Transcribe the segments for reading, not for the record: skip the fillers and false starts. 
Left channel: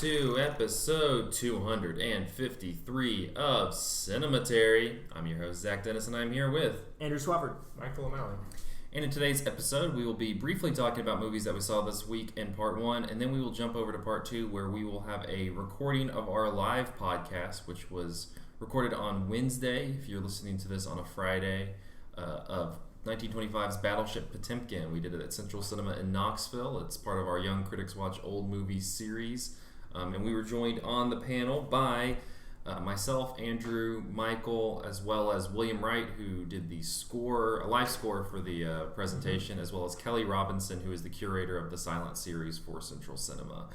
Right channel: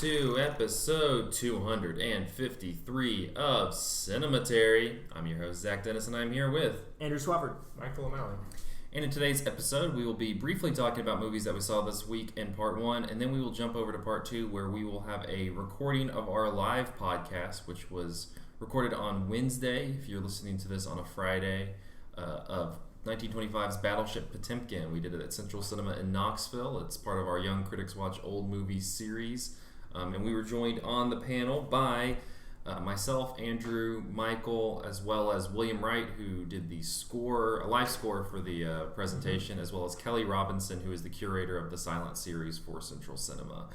to episode 253 of Cinematary. I'm your host, Zach Dennis, and I'm here with Andrew Swafford. Michael O'Malley. And in today's episode, we will be briefly talking about movies that we saw this week in part one, and then we will jump over to part two, where we will have a recording of our live podcast, which was recorded on Wednesday, if you're listening to this on a Friday, of 1925's Battleship Potemkin. We did it at Central Cinema in Knoxville. It's part of our Young Critics Watch Old Movies series. And we were joined on the panel by myself, Andrew, Michael, as well as William Wright, who did the score, a live score for the presentation, as well as Kelly Robinson, who is the curator of the silent series for Central Cinema.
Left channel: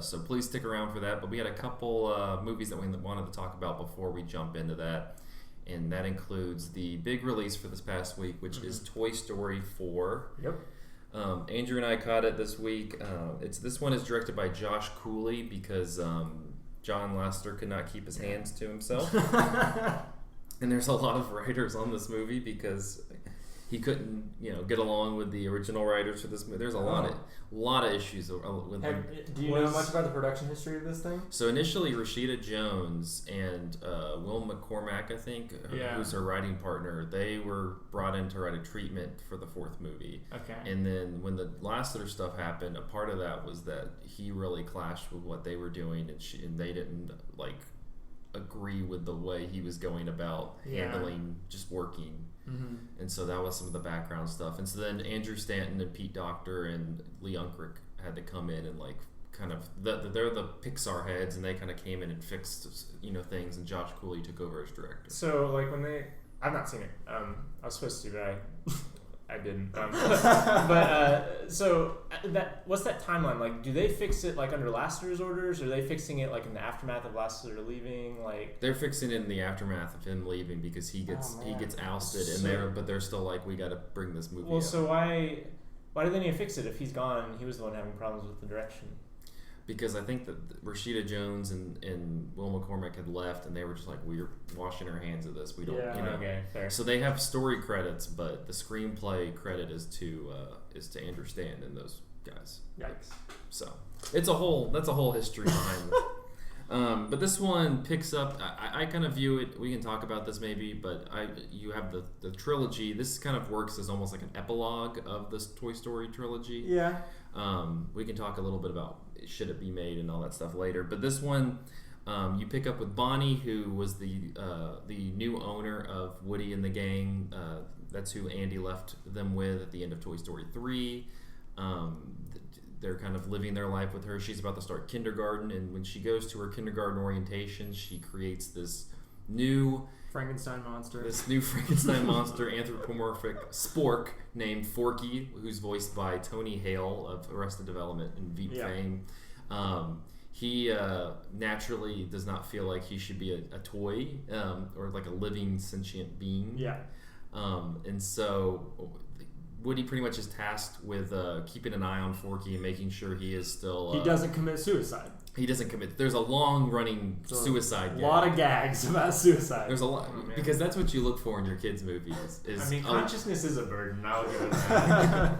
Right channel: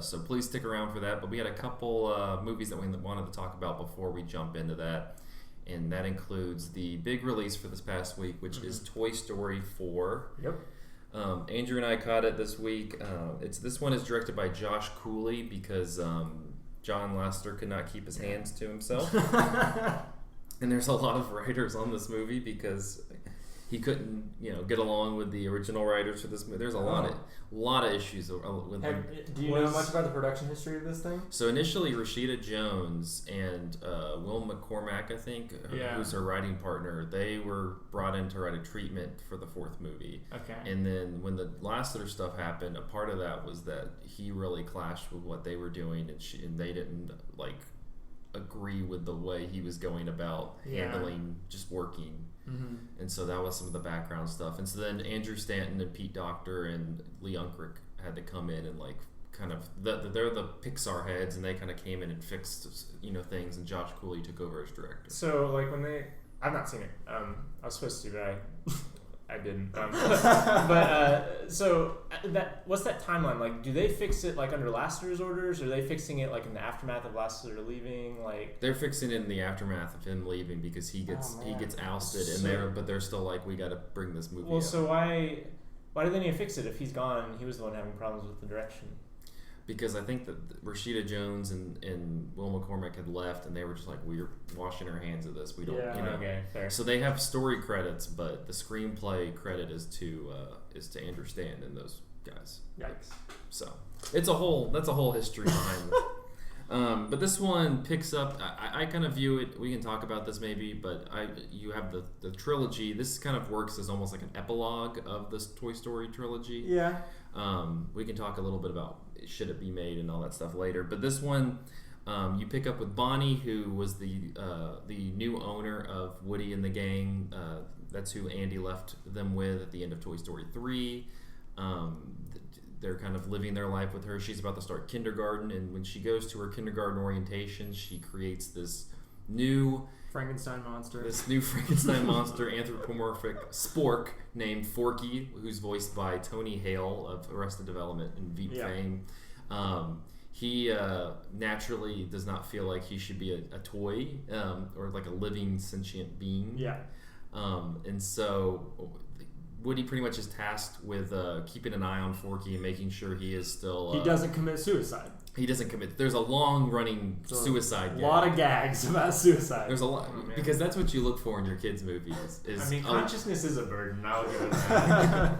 So please stick around for that. But we had a couple movies that we wanted to talk about before we jump into that. And that includes the big release for this past week, which is Toy Story 4. Yep. Andrew and I caught it this week. This one is directed by Josh Cooley because John Lasseter could not keep his hands to himself. And there's a lot of writers on this movie because he couldn't, get along with the original writers for this movie. There's a lot of issues with him. Do you know much about the production history of this thing? So initially, Rashida Jones and Will McCormack, I think, who's her writing partner, they were brought in to write a treatment for the fourth movie. Okay. And then when the Lasseter stuff happened, a part of that was that he really clashed with what they were doing, and they didn't agree with the way he was going about handling just working. Mm-hmm. And so that was some of the background stuff. And so then Andrew Stanton and Pete Docter and Lee Unkrich had to come in and they're the Pixar heads, and they kind of came in and fixed things, and Josh Cooley took over as director. So I've not seen it. I was supposed to, but I didn't. What's that timeline? Like, do they fix it under Lasseter's orders, or are they fixing it in the aftermath of Lasseter leaving? They're fixing it in the aftermath of him leaving because he gets ousted, but they're still we got to bring this movie. Well, out. So why do they need to fix it if he's gone and he was the one having problems with the direction? Because I think that Rashida Jones and Will McCormack had left, and they were just we're washing our hands of this. We don't, Okay, fair. So they have story credits, but the screenplay credit is to Andrew Stanton and those guys. Yikes! So that's a whole history behind it. But this one picks up. I kind of view it. We can talk about this maybe, but you have the trilogy. This kind of works as almost like an epilogue of this Toy Story trilogy. Yeah. We can talk a little bit about should it be made and all that stuff later. But this one, you pick up with Bonnie, who was the new owner of Woody and the gang. That's who Andy left them with at the end of Toy Story 3. They're kind of living their life with her. She's about to start kindergarten, and when she goes to her kindergarten orientation, she creates this new Frankenstein monster, anthropomorphic spork named Forky, who's voiced by Tony Hale of Arrested Development and Veep fame. He naturally does not feel like he should be a toy or a living sentient being. Yeah. And so Woody pretty much is tasked with keeping an eye on Forky and making sure he is still... he doesn't commit suicide. He doesn't commit. There's a long-running suicide gag. A lot of gags about suicide. There's a lot, because that's what you look for in your kids' movies. Consciousness is a burden. I'll give it that.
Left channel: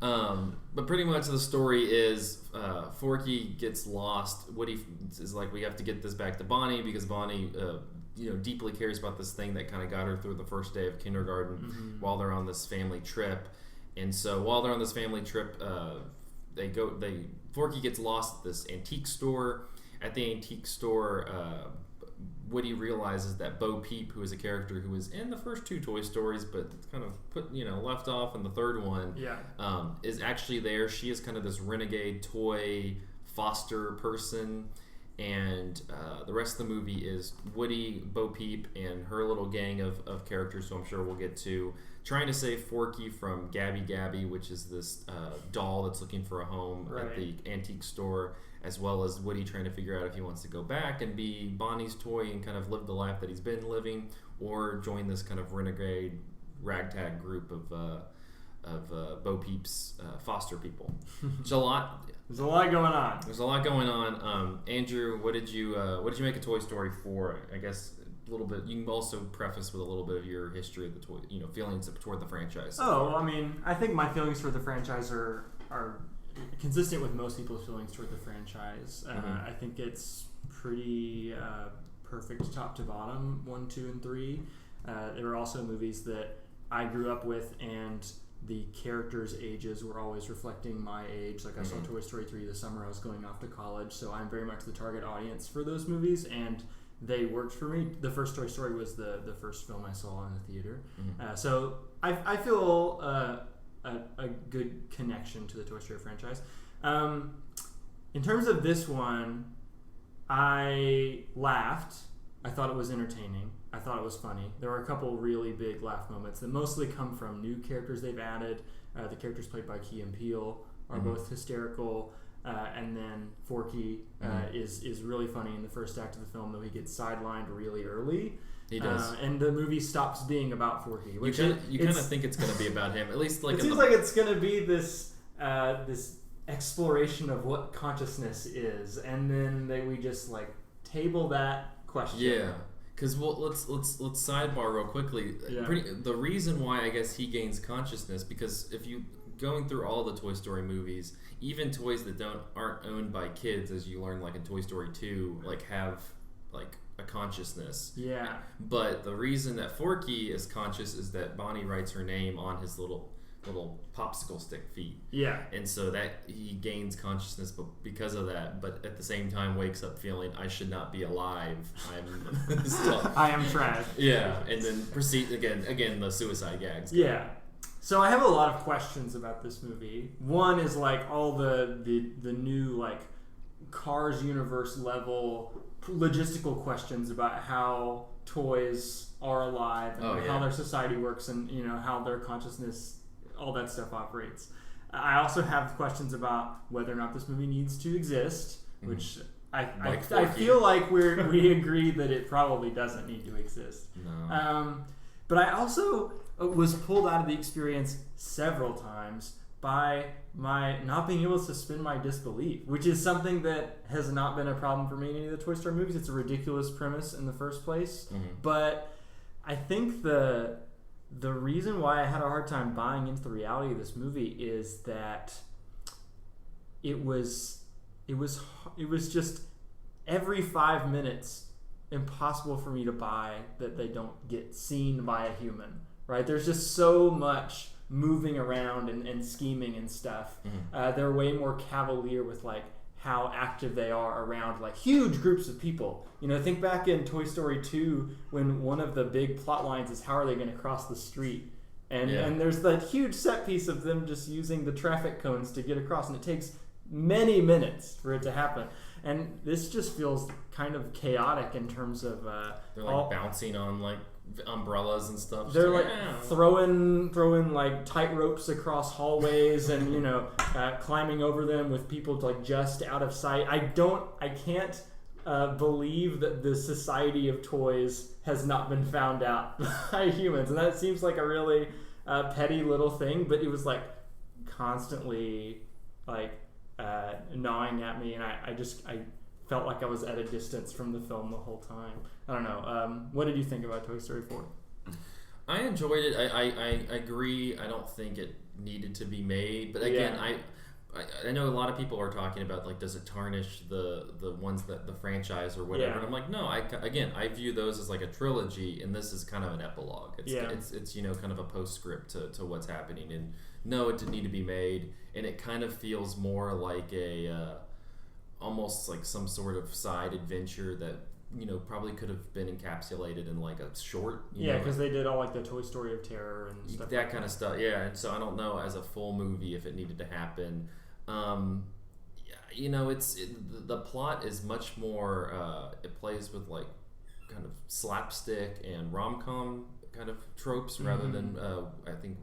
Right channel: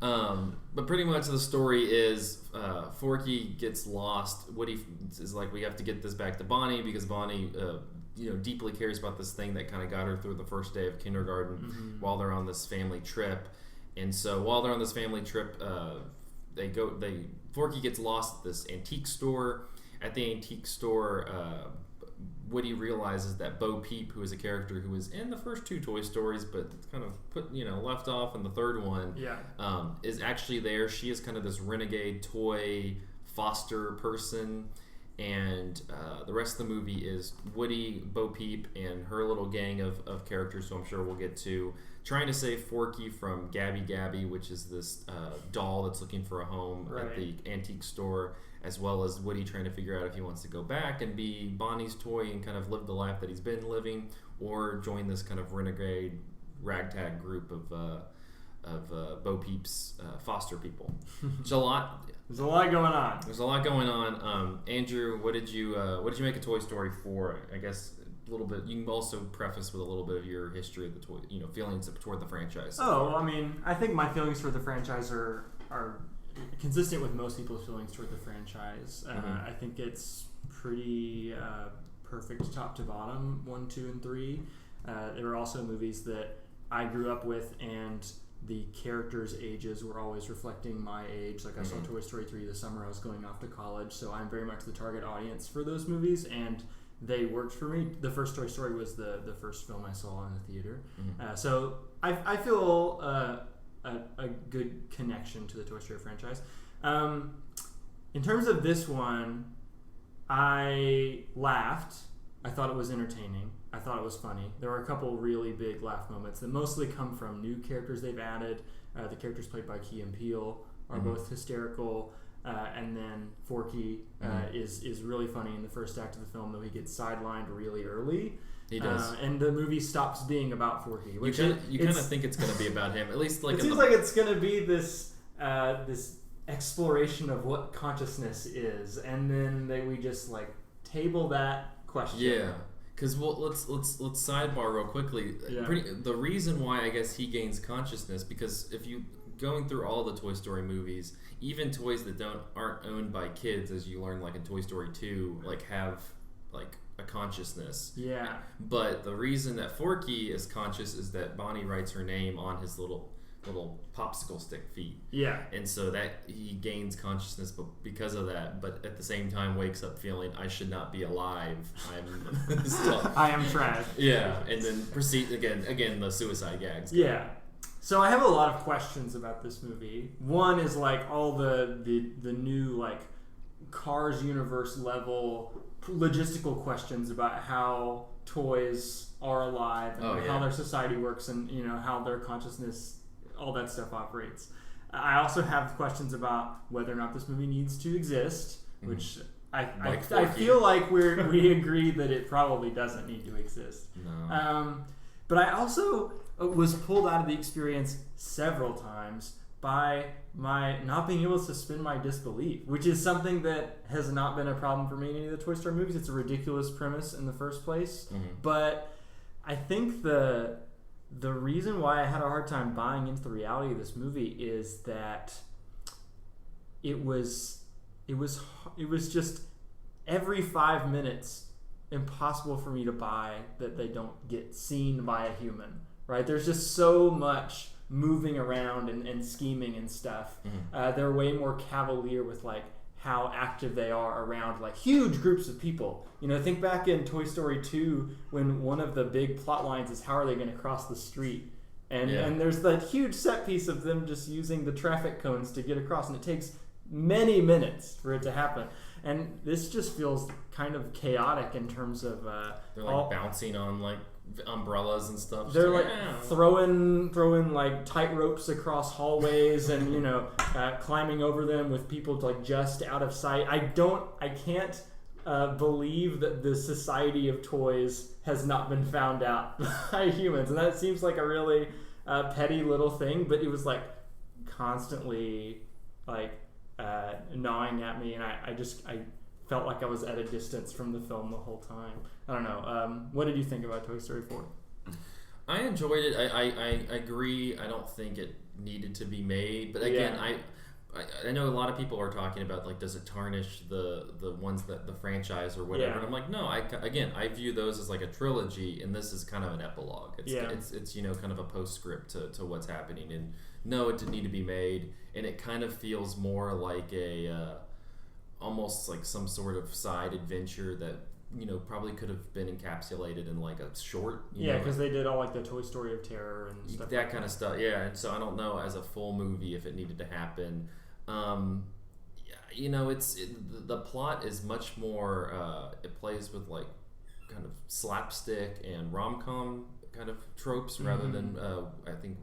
But pretty much the story is Forky gets lost. Woody is we have to get this back to Bonnie because Bonnie, deeply cares about this thing that kind of got her through the first day of kindergarten while they're on this family trip. And so while they're on this family trip, Forky gets lost at this antique store. At the antique store, Woody realizes that Bo Peep, who is a character who was in the first two Toy Stories, but kind of left off in the third one, is actually there. She is kind of this renegade toy foster person. And the rest of the movie is Woody, Bo Peep, and her little gang of characters, who I'm sure we'll get to, trying to save Forky from Gabby Gabby, which is this doll that's looking for a home at the antique store, as well as Woody trying to figure out if he wants to go back and be Bonnie's toy and kind of live the life that he's been living, or join this kind of renegade ragtag group of Bo Peep's foster people. There's a lot going on. Andrew, what did you make of Toy Story 4? I guess a little bit. You can also preface with a little bit of your history of the feelings toward the franchise. I mean, I think my feelings for the franchise are consistent with most people's feelings toward the franchise. I think it's pretty perfect top to bottom, 1, 2, and 3. There were also movies that I grew up with, and the characters' ages were always reflecting my age. Like I saw Toy Story 3 the summer I was going off to college, so I'm very much the target audience for those movies, and they worked for me. The first Toy Story was the first film I saw in the theater. So I feel a good connection to the Toy Story franchise. In terms of this one, I laughed. I thought it was entertaining. I thought it was funny. There were a couple really big laugh moments that mostly come from new characters they've added. The characters played by Key and Peele are both hysterical. And then Forky is really funny in the first act of the film, though he gets sidelined really early. He does. And the movie stops being about Forky. Which you kind of think it's going to be about him, at least like. It seems like it's going to be this this exploration of what consciousness is, and then we just like table that question. Yeah. Because let's sidebar real quickly. Yeah. The reason why I guess he gains consciousness, because if you going through all the Toy Story movies, even toys that aren't owned by kids, as you learn like in Toy Story 2, like have like a consciousness. Yeah. But the reason that Forky is conscious is that Bonnie writes her name on his little popsicle stick feet. Yeah. And so that he gains consciousness because of that, but at the same time wakes up feeling I should not be alive. I'm still, I am trash. Yeah. And then proceed again the suicide gags. Yeah. So I have a lot of questions about this movie. One is like all the new like Cars universe level logistical questions about how toys are alive and how their society works, and how their consciousness, all that stuff operates. I also have questions about whether or not this movie needs to exist, which I feel like we agree that it probably doesn't need to exist. No. But I also was pulled out of the experience several times by my not being able to suspend my disbelief, which is something that has not been a problem for me in any of the Toy Story movies. It's a ridiculous premise in the first place. But I think the reason why I had a hard time buying into the reality of this movie is that it was just every 5 minutes impossible for me to buy that they don't get seen by a human, right? There's just so much moving around and scheming and stuff. They're way more cavalier with like how active they are around like huge groups of people. Think back in Toy Story 2 when one of the big plot lines is how are they going to cross the street, and there's that huge set piece of them just using the traffic cones to get across, and it takes many minutes for it to happen. And this just feels kind of chaotic in terms of they're like bouncing on like umbrellas and stuff. They're like throwing like tight ropes across hallways and climbing over them with people like just out of sight. I can't believe that the society of toys has not been found out by humans, and that seems like a really petty little thing, but it was like constantly like gnawing at me, and I felt like I was at a distance from the film the whole time. I don't know. What did you think about Toy Story 4? I enjoyed it. I agree. I don't think it needed to be made, but again, I know a lot of people are talking about like, does it tarnish the ones that the franchise or whatever? And I'm like, no. I view those as like a trilogy, and this is kind of an epilogue. It's kind of a postscript to what's happening. And no, it didn't need to be made, and it kind of feels more like a almost like some sort of side adventure that probably could have been encapsulated in like a short. Because they did all like the Toy Story of Terror and stuff. That kind of stuff. Yeah, and so I don't know as a full movie if it needed to happen. The plot is much more. It plays with like kind of slapstick and rom-com kind of tropes rather than I think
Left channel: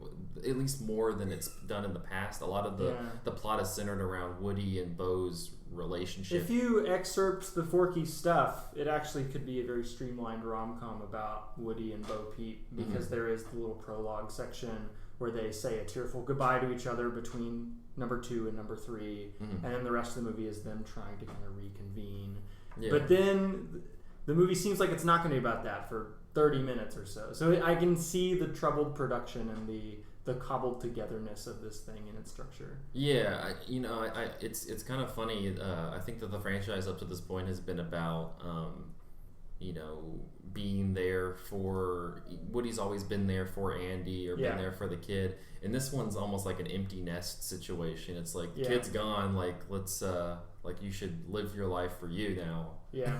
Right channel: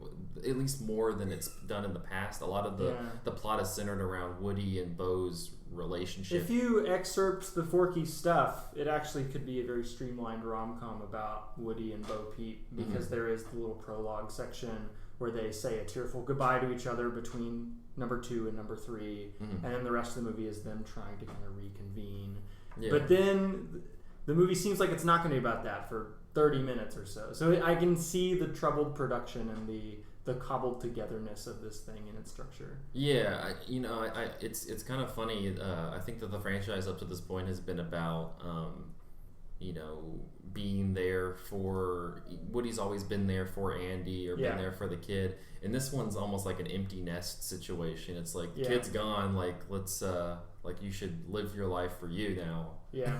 at least more than it's done in the past. A lot of the plot is centered around Woody and Bo's relationship. If you excerpt the Forky stuff, it actually could be a very streamlined rom-com about Woody and Bo Peep, because there is the little prologue section where they say a tearful goodbye to each other between number 2 and number 3, and then the rest of the movie is them trying to kind of reconvene. But then the movie seems like it's not going to be about that for 30 minutes or so. So I can see the troubled production and the the cobbled togetherness of this thing and its structure. Yeah, it's kind of funny. I think that the franchise up to this point has been about, being there for Woody's always been there for Andy or been there for the kid, and this one's almost like an empty nest situation. It's like kid's gone, like let's you should live your life for you now. Yeah,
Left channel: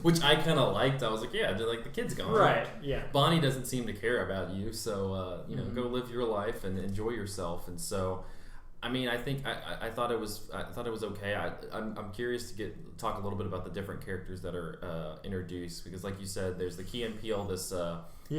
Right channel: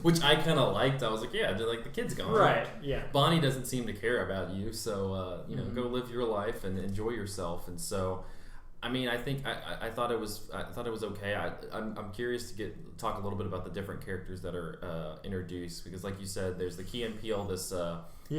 which I kind of liked. I was like, like the kid's gone, right? Yeah, Bonnie doesn't seem to care about you, so go live your life and enjoy yourself. And so, I mean, I think I thought it was okay. I'm curious to talk a little bit about the different characters that are introduced, because like you said, there's the Key and Peele, this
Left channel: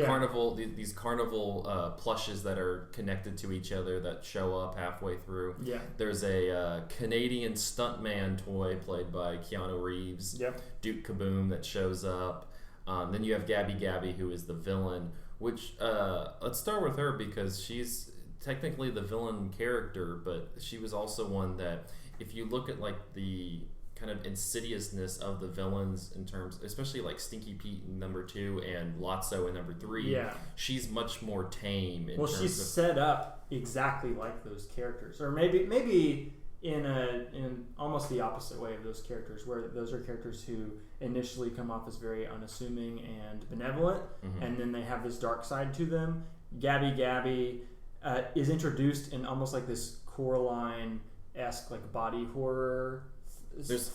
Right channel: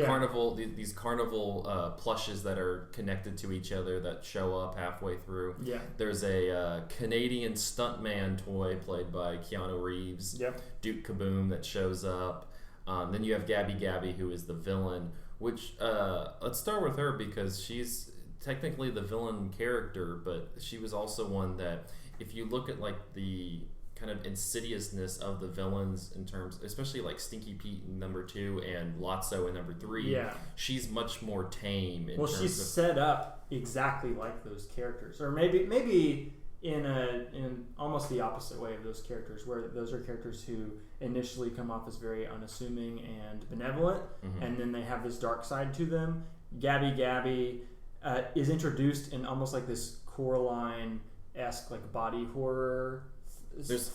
carnival, these carnival plushes that are connected to each other that show up halfway through. Yeah, there's a Canadian stuntman toy played by Keanu Reeves. Yep. Duke Kaboom that shows up. Then you have Gabby Gabby, who is the villain. Which let's start with her, because she's technically the villain character, but she was also one that, if you look at like the kind of insidiousness of the villains in terms, especially like Stinky Pete in number 2 and Lotso in number 3, she's much more tame. She's set up exactly like those characters, or maybe in almost the opposite way of those characters, where those are characters who initially come off as very unassuming and benevolent, and then they have this dark side to them. Gabby Gabby is introduced in almost like this Coraline-esque like body horror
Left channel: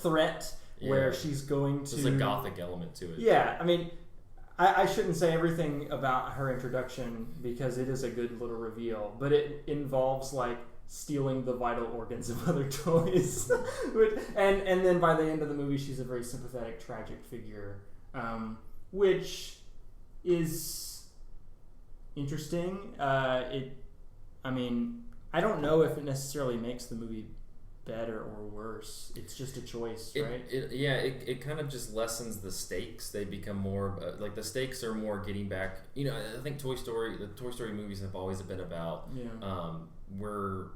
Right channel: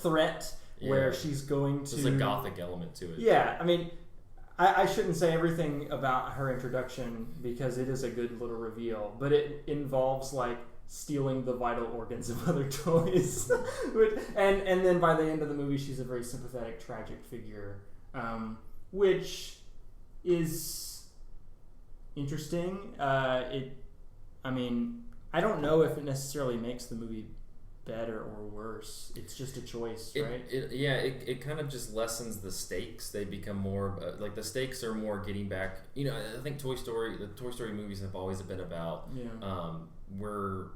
threat, where she's going to... There's a gothic element to it. Yeah, I mean, I shouldn't say everything about her introduction, because it is a good little reveal, but it involves like stealing the vital organs of other toys. and then by the end of the movie, she's a very sympathetic, tragic figure, which is interesting. I mean, I don't know if it necessarily makes the movie better or worse. It's just a choice, right? It kind of just lessens the stakes. They become more like, the stakes are more getting back. I think the Toy Story movies have always been about we're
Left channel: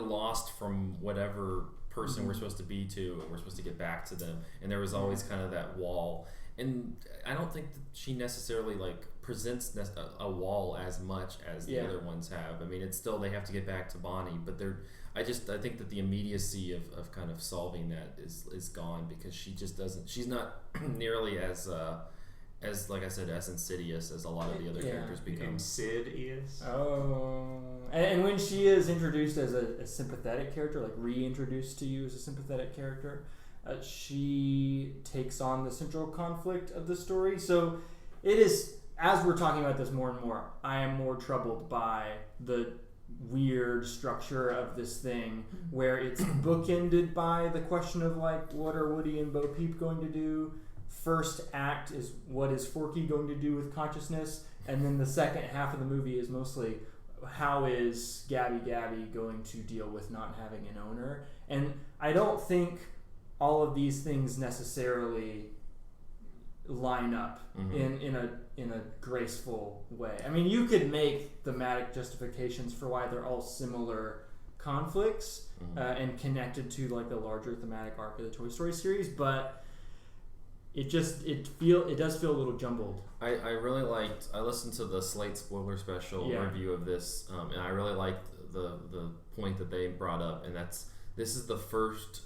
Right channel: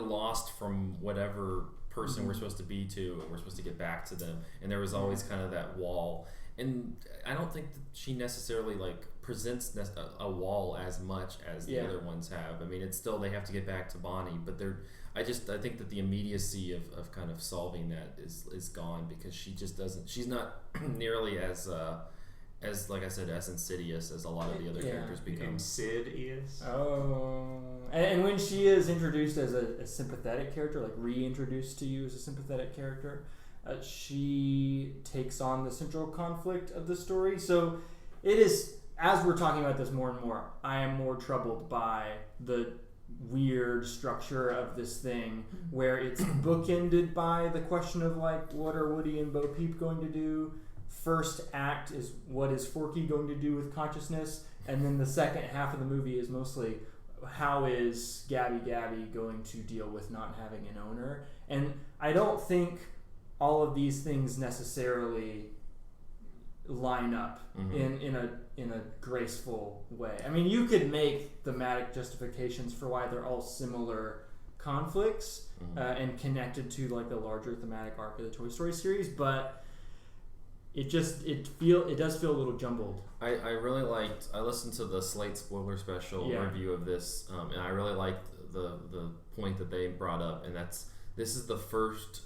lost from whatever person we're supposed to be to, and we're supposed to get back to them. And there was always kind of that wall. And I don't think that she necessarily like presents a wall as much as the other ones have. I mean, it's still, they have to get back to Bonnie, but I think that the immediacy of kind of solving that is gone, because she just doesn't. She's not nearly as like I said, as insidious as a lot of the other characters become. Sid is. Oh, and when she is introduced as a sympathetic character, like reintroduced to you as a sympathetic character, she takes on the central conflict of the story. So it is, as we're talking about this more and more, I am more troubled by the weird structure of this thing, where it's bookended by the question of like, what are Woody and Bo Peep going to do? First act is, what is Forky going to do with consciousness? And then the second half of the movie is mostly, how is Gabby Gabby going to deal with not having an owner? And I don't think all of these things necessarily line up in a graceful way. I mean, you could make thematic justifications for why they're all similar conflicts and connected to like the larger thematic arc of the Toy Story series, but it does feel a little jumbled. I really liked. I listened to the Slate spoiler special review of this, and I really liked the point that they brought up, and this is the first.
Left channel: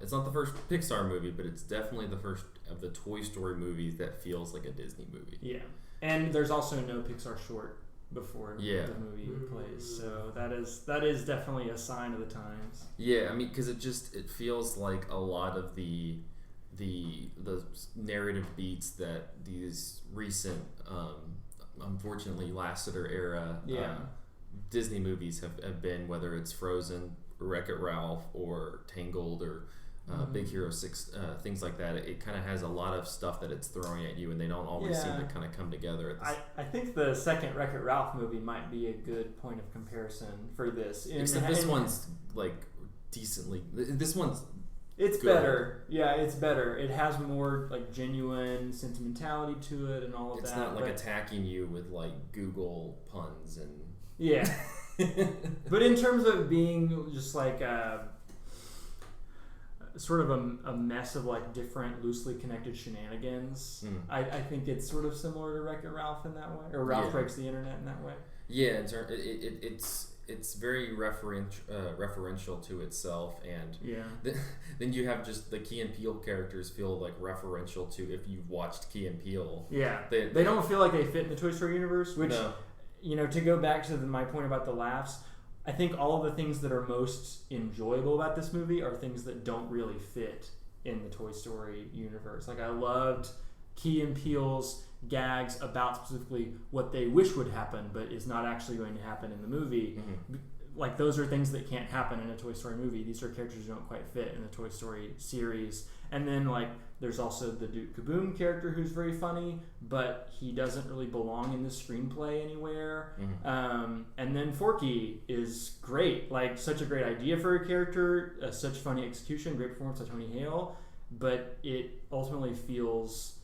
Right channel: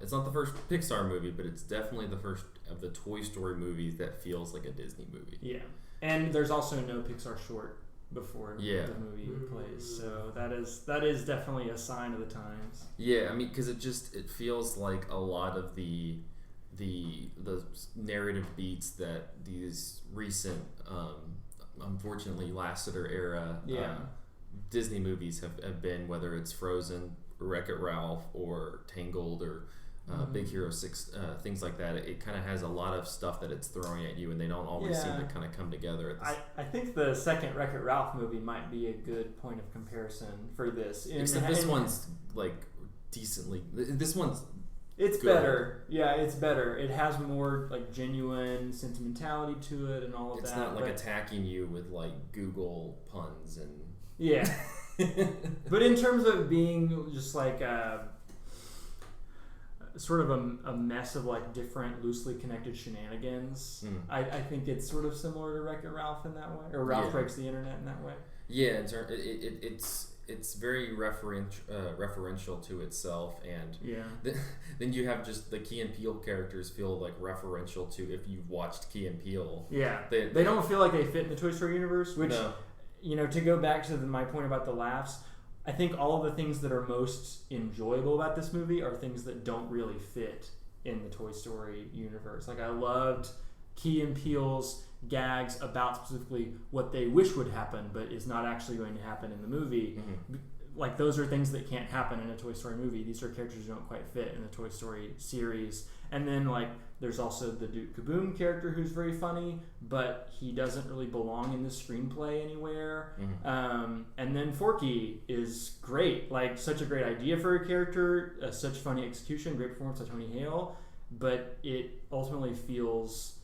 It's not the first Pixar movie, but it's definitely the first of the Toy Story movies that feels like a Disney movie. Yeah, and there's also no Pixar short before the movie plays, so that is definitely a sign of the times. Yeah, I mean, because it feels like a lot of the narrative beats that these recent, unfortunately Lasseter era Disney movies have been, whether it's Frozen, Wreck-It Ralph, or Tangled, or Big Hero 6, things like that. It kind of has a lot of stuff that it's throwing at you, and they don't always seem to kind of come together. I think the second Wreck-It Ralph movie might be a good point of comparison for this. Except this one's like decently. This one's. It's good. Better. Yeah, it's better. It has more like genuine sentimentality to it and all of that. It's not like attacking you with like Google puns and... Yeah. But in terms of being just like sort of a mess of like different loosely connected shenanigans, I think it's sort of similar to Wreck-It Ralph in that way. Or Ralph Breaks the Internet in that way. Yeah, it's very referential to itself, and then you have just the Key and Peele characters feel like referential to if you've watched Key and Peele. Yeah, they don't feel like they fit in the Toy Story universe, which to go back to my point about the laughs, I think all of the things that are most enjoyable about this movie are things that don't really fit in the Toy Story universe. Like I loved Key and Peele's gags about specifically what they wish would happen but is not actually going to happen in the movie. Like those are things that can't happen in a Toy Story movie. These are characters who don't quite fit in the Toy Story series. And then like there's also the Duke Kaboom character who's very funny, but he doesn't really belong in the screenplay anywhere. And then Forky is great, like such a great idea for a character, such funny execution, great performance by Tony Hale, but it ultimately feels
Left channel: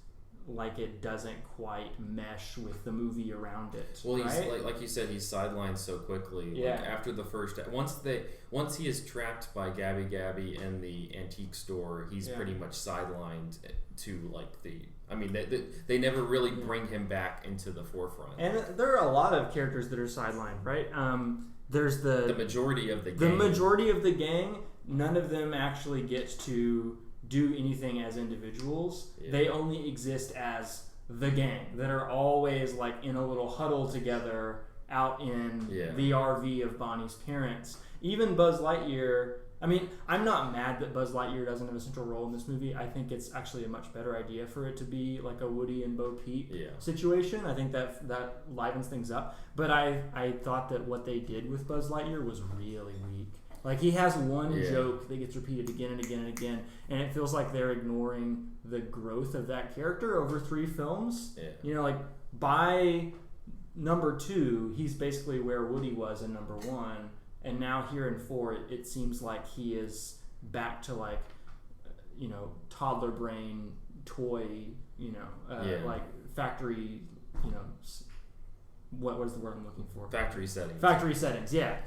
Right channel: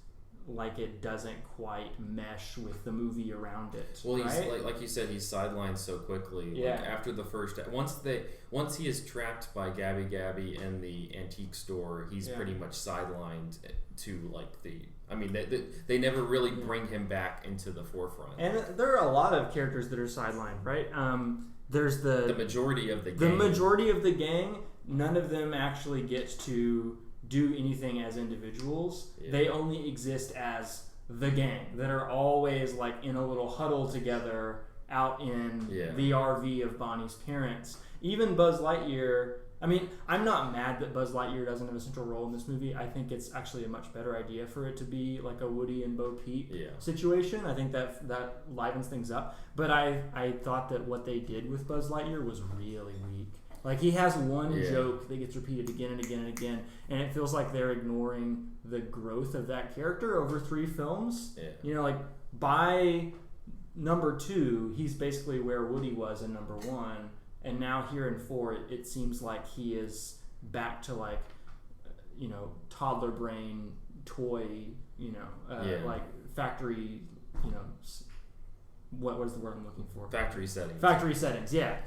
like it doesn't quite mesh with the movie around it. Well, he's right? like you said, he's sidelined so quickly. Yeah. Like after the first, once he is trapped by Gabby in the antique store, he's pretty much sidelined to like the. I mean, they never really bring him back into the forefront. And there are a lot of characters that are sidelined, right? There's the majority of the gang. The majority of the gang. None of them actually gets to do anything as individuals. They only exist as the gang that are always like in a little huddle together out in the RV of Bonnie's parents. Even Buzz Lightyear, I mean, I'm not mad that Buzz Lightyear doesn't have a central role in this movie. I think it's actually a much better idea for it to be like a Woody and Bo Peep situation. I think that livens things up. But I thought that what they did with Buzz Lightyear was really weak. Like, he has one joke that gets repeated again and again and again, and it feels like they're ignoring the growth of that character over 3 films. Yeah. Like, by number 2, he's basically where Woody was in number 1, and now here in 4, it seems like he is back to, like, toddler brain toy, like, factory, what is the word I'm looking for? Factory settings. Factory settings, yeah.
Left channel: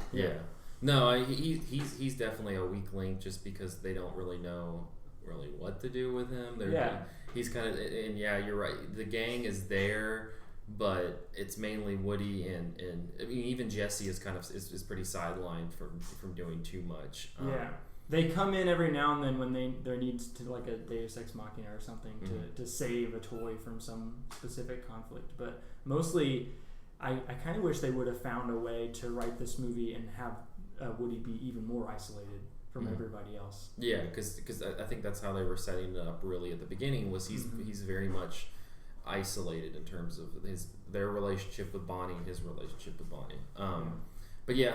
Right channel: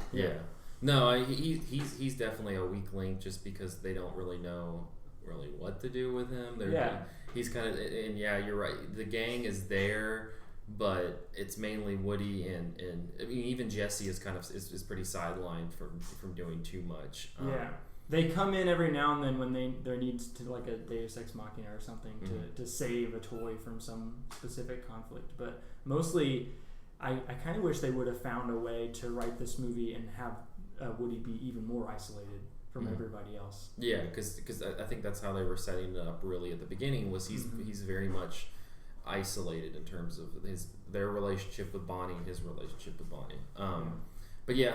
No, he's definitely a weak link just because they don't really know what to do with him. He's kind of, and you're right. The gang is there, but it's mainly Woody and I mean even Jesse is kind of is pretty sidelined from doing too much. They come in every now and then when there needs to like a Deus Ex Machina or something to save a toy from some specific conflict, but mostly I kind of wish they would have found a way to write this movie and have Woody be even more isolated from everybody else. Yeah, because I think that's how they were setting it up really at the beginning. Was he's very much isolated in terms of their relationship with Bonnie and his relationship with Bonnie. But yeah,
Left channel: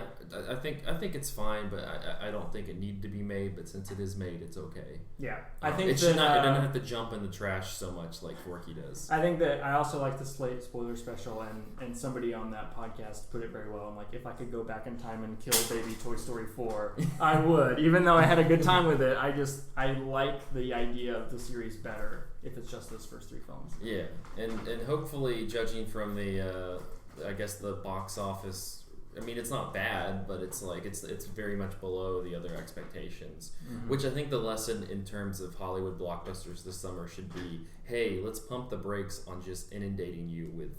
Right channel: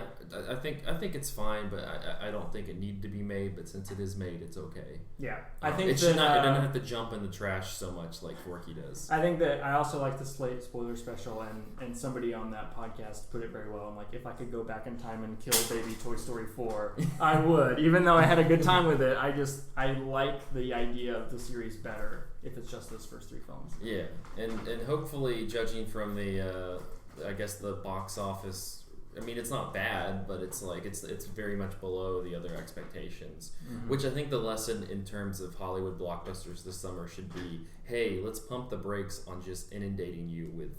I think it's fine, but I don't think it needed to be made. But since it is made, it's okay. Yeah, I think it should not. It doesn't have to jump in the trash so much like Forky does. I think that I also like the Slate spoiler special, and somebody on that podcast put it very well. I'm like, if I could go back in time and kill baby Toy Story 4, I would. Even though I had a good time with it, I like the idea of the series better if it's just those first 3 films. Yeah, and hopefully, judging from the I guess the box office. I mean, it's not bad, but it's like it's very much below the other expectations. Which I think the lesson in terms of Hollywood blockbusters this summer should be: hey, let's pump the brakes on just inundating you with,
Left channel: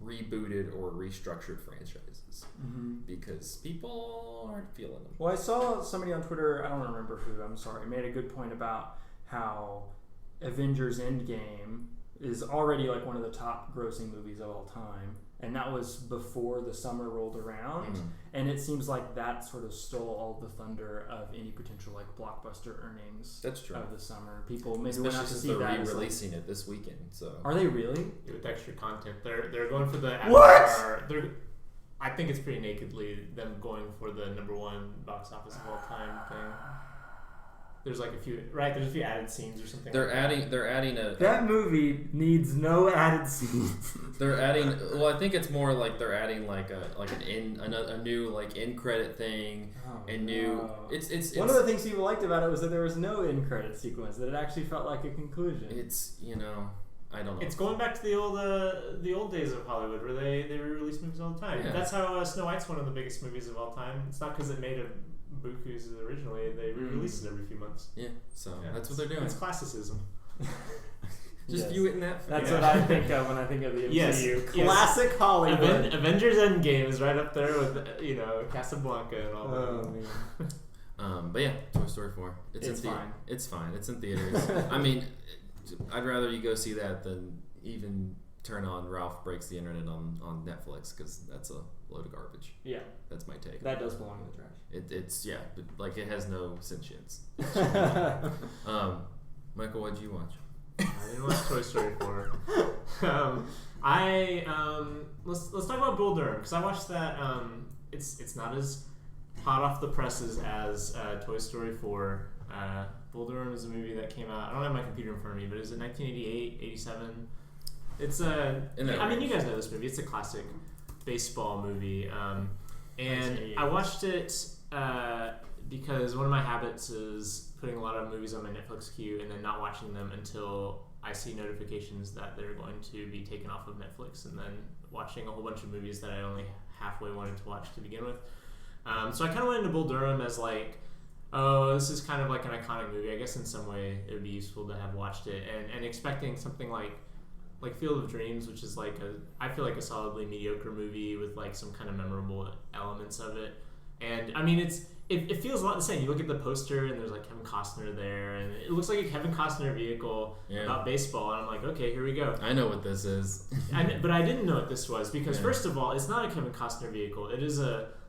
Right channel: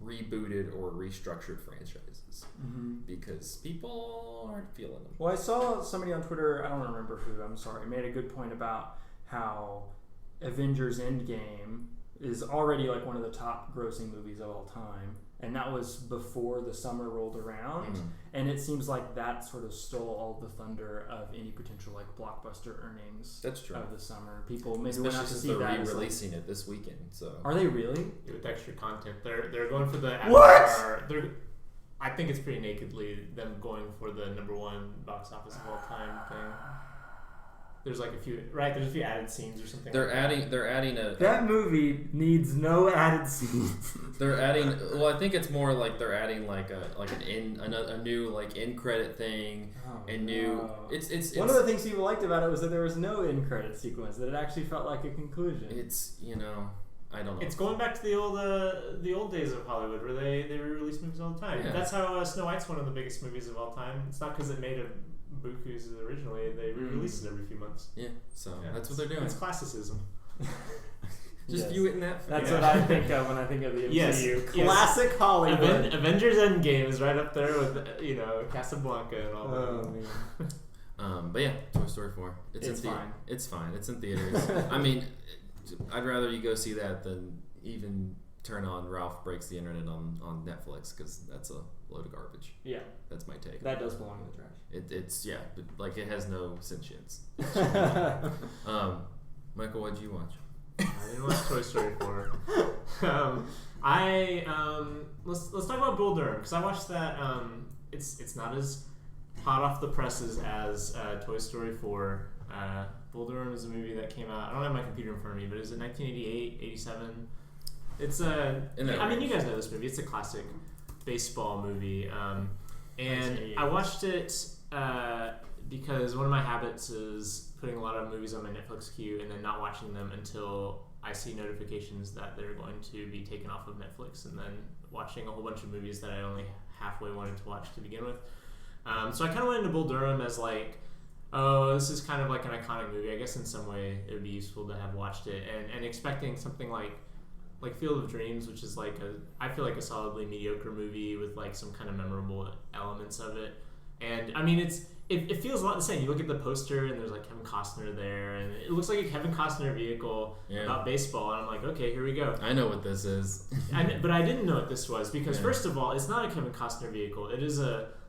rebooted or restructured franchises because people aren't feeling them. Well, I saw somebody on Twitter, I don't remember who, I'm sorry, made a good point about how Avengers Endgame is already like one of the top grossing movies of all time. And that was before the summer rolled around, and it seems like that sort of stole all the thunder of any potential like blockbuster earnings. That's true. Of the summer. People maybe especially went out to since see that. They're re-releasing it this weekend. So are they really? With extra content, they're going for the what? I think it's pretty nakedly them going for the number 1 box office of all time thing. There's like a few, right? There's a few added scenes or something. They're adding a. That movie needs no added scenes. They're adding. Well, I think it's more like they're adding like a new like end credit thing and new. It's one of the things people liked about it was that there was no end credit sequence. That it actually felt like a conclusion. It's I don't know. It's going back to the old days of Hollywood where they re-release movies all the time. Yeah. That's how Snow White's one of the biggest movies of all time. It's not because it made a bukus originally. They re-release it every few months. Yeah, so that's what they're doing. It's classicism. Just Yes. view it in that. That's what I think of when I think of the MCU. Yes. Classic Hollywood. Avengers Endgame is right up there with Casablanca and all that. Oh man. But yeah, Toy Story 4. It's fine. It's fine. It's in theaters. I mean, I'd rather you go see that than even turn on Ralph Breaks the Internet on Netflix, because that's a load of garbage. Yeah. That's my take. That does belong in the trash. It's but, like, it has no sentience. Michael, what did you watch? I didn't watch Toy Story 4. Let's talk about Bull Durham, because I watched that. It's not as hot off the presses as Toy Story 4. Bull Durham is a movie that came out. I don't have my computer in front of me, but it was in 1988, 87. It's you guys know this movie. It's a classic baseball movie, and I watched it because one of my habits is putting a lot of movies on my Netflix queue and then not watching them until I see notifications that they're going to be taken off of Netflix, and then watching a whole bunch of movies that I only halfway wanted to watch to begin with. So I kind of went into Bull Durham as like, oh, this is kind of like an iconic movie. I guess in some way it would be useful to have watched it, and expecting something like Field of Dreams, which is I feel like a solidly mediocre movie with like some kind of memorable elements of it. And I mean, it feels a lot the same. You look at the poster and there's like Kevin Costner there, and it looks like a Kevin Costner vehicle about baseball. And I'm like, okay, here we go. I know what this is. But I didn't know what this was, because first of all, it's not a Kevin Costner vehicle. It is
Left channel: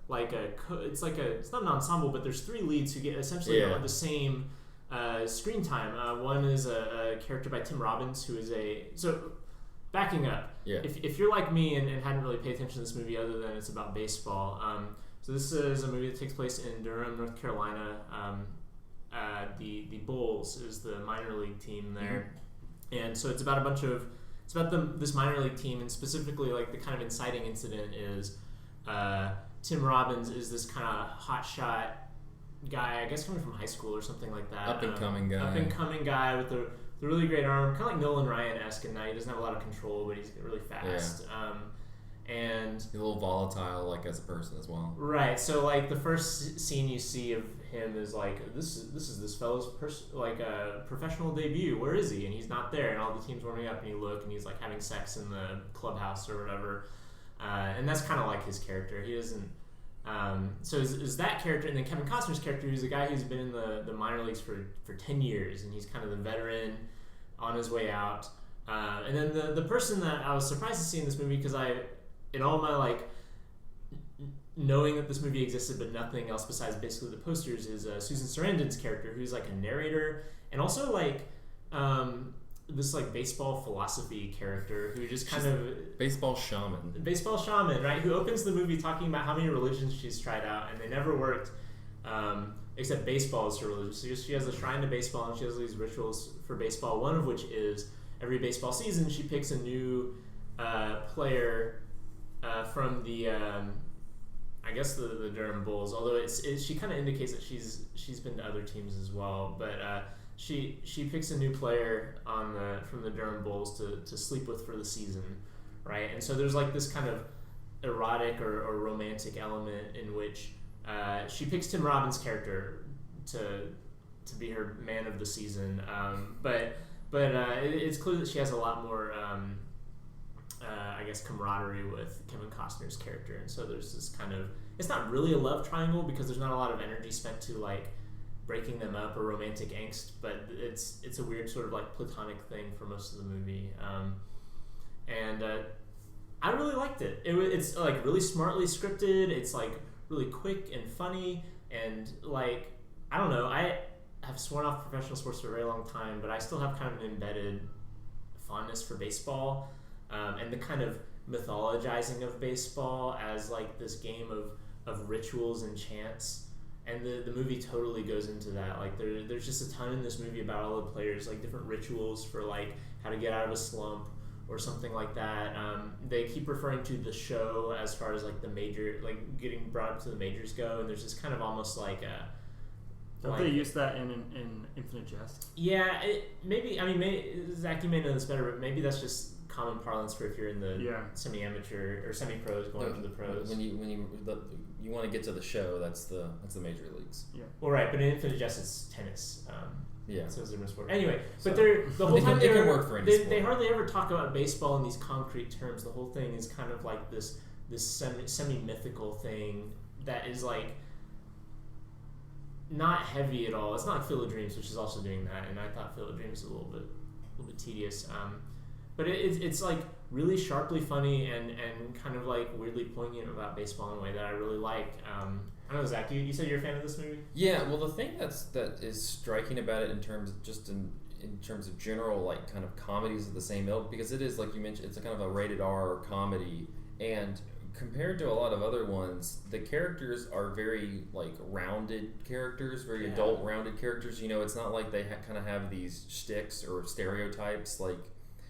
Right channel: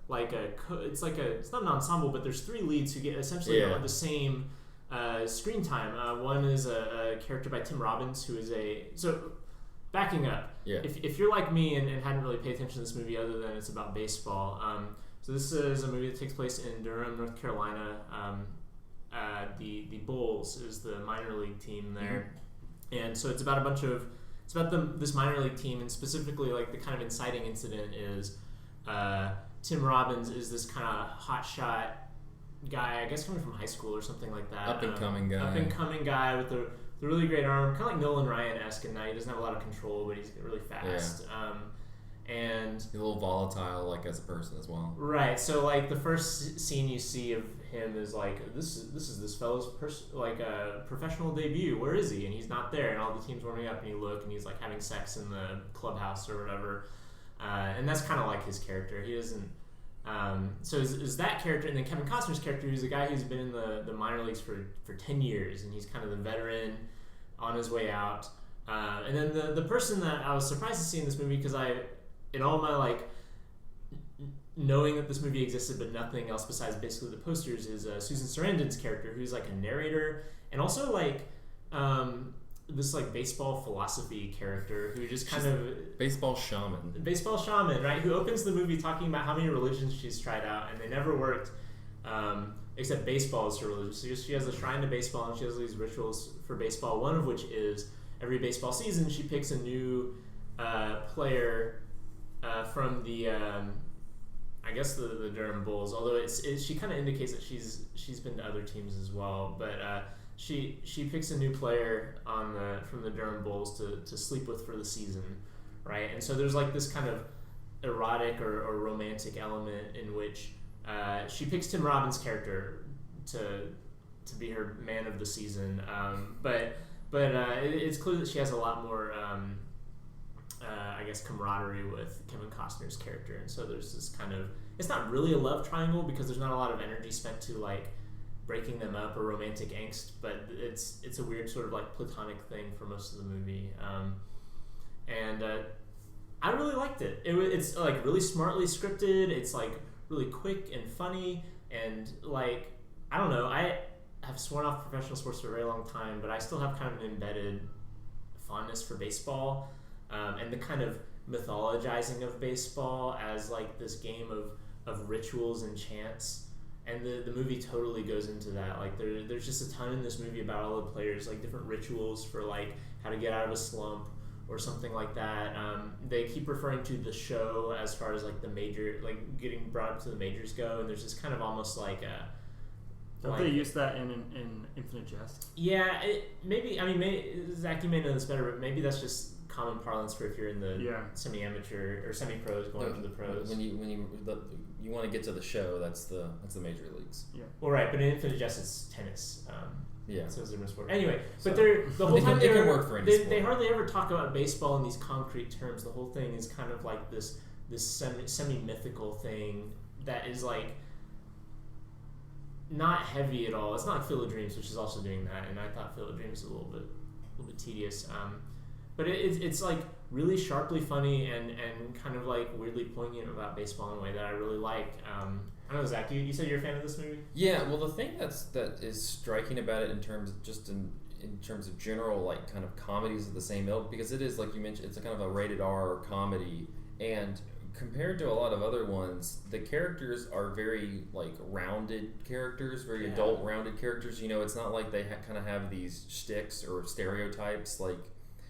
it's not an ensemble, but there's three leads who get essentially the same screen time. One is a character by Tim Robbins, who is backing up. Yeah. If you're like me and hadn't really paid attention to this movie other than it's about baseball, so this is a movie that takes place in Durham, North Carolina. The Bulls is the minor league team there, and so it's about this minor league team, and specifically like the kind of inciting incident is Tim Robbins is this kind of hotshot guy, I guess coming from high school or something like that. Up and coming guy with the really great arm, kind of like Nolan Ryan-esque in that he doesn't have a lot of control, but he's really fast. And a little volatile, like as a person as well. Right. So like the first scene you see of him is like this is this fellow's professional debut. Where is he? And he's not there. And all the team's warming up, and you look, and he's like having sex in the clubhouse or whatever. And that's kind of like his character. He doesn't. So is that character, and then Kevin Costner's character, who's a guy who's been in the minor leagues for 10 years, and he's kind of the veteran on his way out. And then the person that I was surprised to see in this movie, because in all my like knowing that this movie existed but nothing else besides basically the posters, is Susan Sarandon's character, who's like a narrator and also like this like baseball philosophy character who just kind of baseball shaman, right, who opens the movie talking about how many religions she's tried out and they never worked, except baseball is her religion. So she has a shrine to baseball, and she has these rituals for baseball, one of which is every baseball season she picks a new player from the I guess the Durham Bulls, although she kind of indicates that she's been to other teams as well, but she picks a new player from the Durham Bulls to sleep with for the season, right? And so there's like this kind of erotic or romantic element in which she picks Tim Robbins' character to be her man of the season, but it's clear that she has a lot more I guess camaraderie with Kevin Costner's character, and so there's this kind of, it's not really a love triangle because there's not a lot of energy spent to like breaking them up or romantic angst, but it's a weird sort of like platonic thing for most of the movie, and I really liked it. It's like really smartly scripted. It's like really quick and funny, and like I don't know, I have sworn off professional sports for a very long time, but I still have kind of an embedded fondness for baseball. And the kind of mythologizing of baseball as like this game of rituals and chants, and the movie totally goes into that. Like there's just a ton in this movie about all the players, like different rituals for like how to get out of a slump or something like that. They keep referring to the show as far as like the major, like getting brought up to the majors go, and there's this kind of almost like a. Don't they use that in Infinite Jest? Yeah, maybe. I mean, Zach, you may know this better, but maybe that's just common parlance for if you're in the semi-amateur or semi-pros going to the pros. When you want to get to the show, that's the major leagues. Yeah. Well, right, but in Infinite Jest it's tennis. Yeah. So it's a different sport. Anyway, So, but they're the whole time it can work for any they sport. hardly ever talk about baseball in these concrete terms. The whole thing is kind of like this semi mythical thing that is like not heavy at all. It's not like Field of Dreams, which is also doing that, and I thought Field of Dreams was a little bit tedious. But it's like really sharply funny and kind of like weirdly poignant about baseball in a way that I really like. I don't know, Zach, you said you're a fan of this movie? Yeah, well, the thing that is striking about it in terms of general like kind of comedies of the same ilk, because it is, like you mentioned, it's a kind of a rated R comedy, and compared to a lot of other ones, the characters are very like rounded characters, very adult rounded characters. You know, it's not like they kind of have these shticks or stereotypes like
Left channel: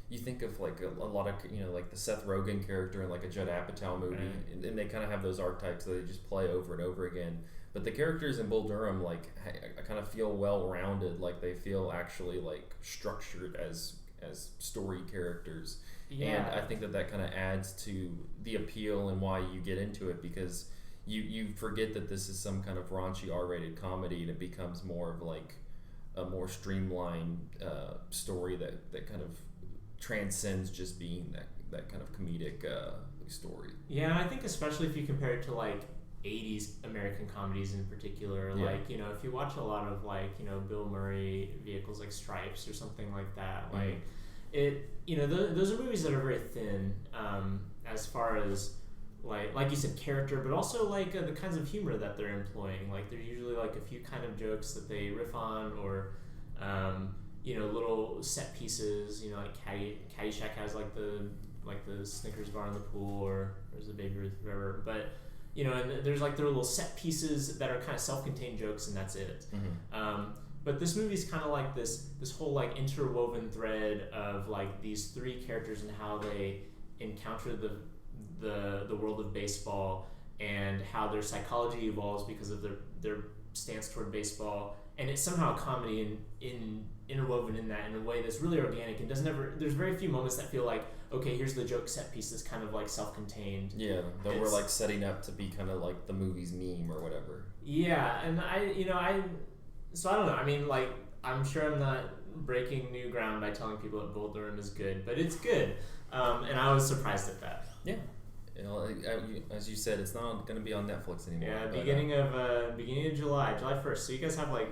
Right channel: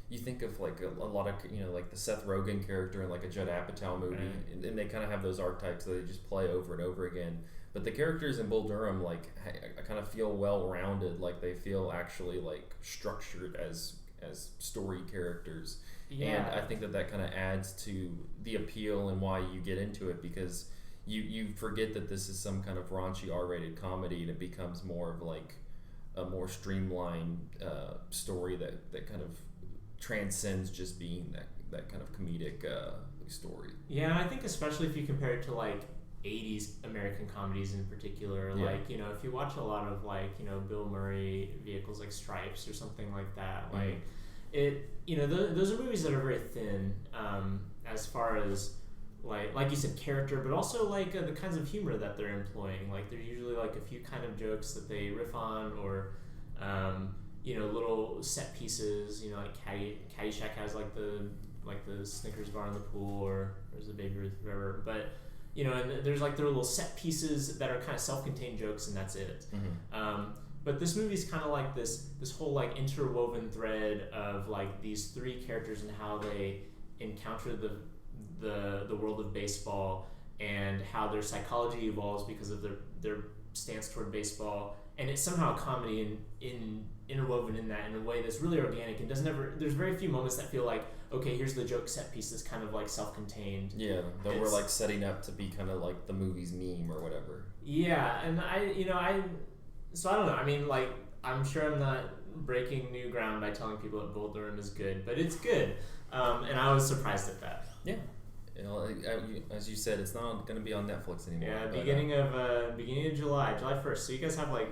you think of like a lot of, you know, like the Seth Rogen character in like a Judd Apatow movie, and they kind of have those archetypes that they just play over and over again. But the characters in Bull Durham, like, I kind of feel well-rounded, like they feel actually like structured as story characters. Yeah. And I think that kind of adds to the appeal and why you get into it, because you forget that this is some kind of raunchy R-rated comedy, and it becomes more of like a more streamlined story that kind of transcends just being that kind of comedic story. Yeah, I think especially if you compare it to like 80s American comedies in particular, like, you know, if you watch a lot of like, you know, Bill Murray vehicles like Stripes or something like that, like it, you know, those are movies that are very thin as far as like you said, character, but also like the kinds of humor that they're employing. Like there's usually like a few kind of jokes that they riff on, or you know, little set pieces. You know, like Caddyshack has like the Snickers bar in the pool, or there's a Baby Ruth, whatever. But you know, and there's like their little set pieces that are kind of self-contained jokes, and that's it. But this movie's kind of like this whole like interwoven thread of like these three characters and how they encounter the world of baseball, and how their psychology evolves because of their stance toward baseball, and it's somehow a comedy interwoven in that in a way that's really organic and there's very few moments that feel like, okay, here's the joke set piece that's kind of like self-contained. Yeah, that we're like setting up to be kind of like the movie's meme or whatever. Yeah, and so I don't know. I mean, like, I'm sure I'm not breaking new ground by telling people that Bull Durham is good, but it's good, and I was surprised at that. Yeah. You know, as you said, it's not going to be on Netflix anymore. Yeah, beginning of July 1st. So you guys have like,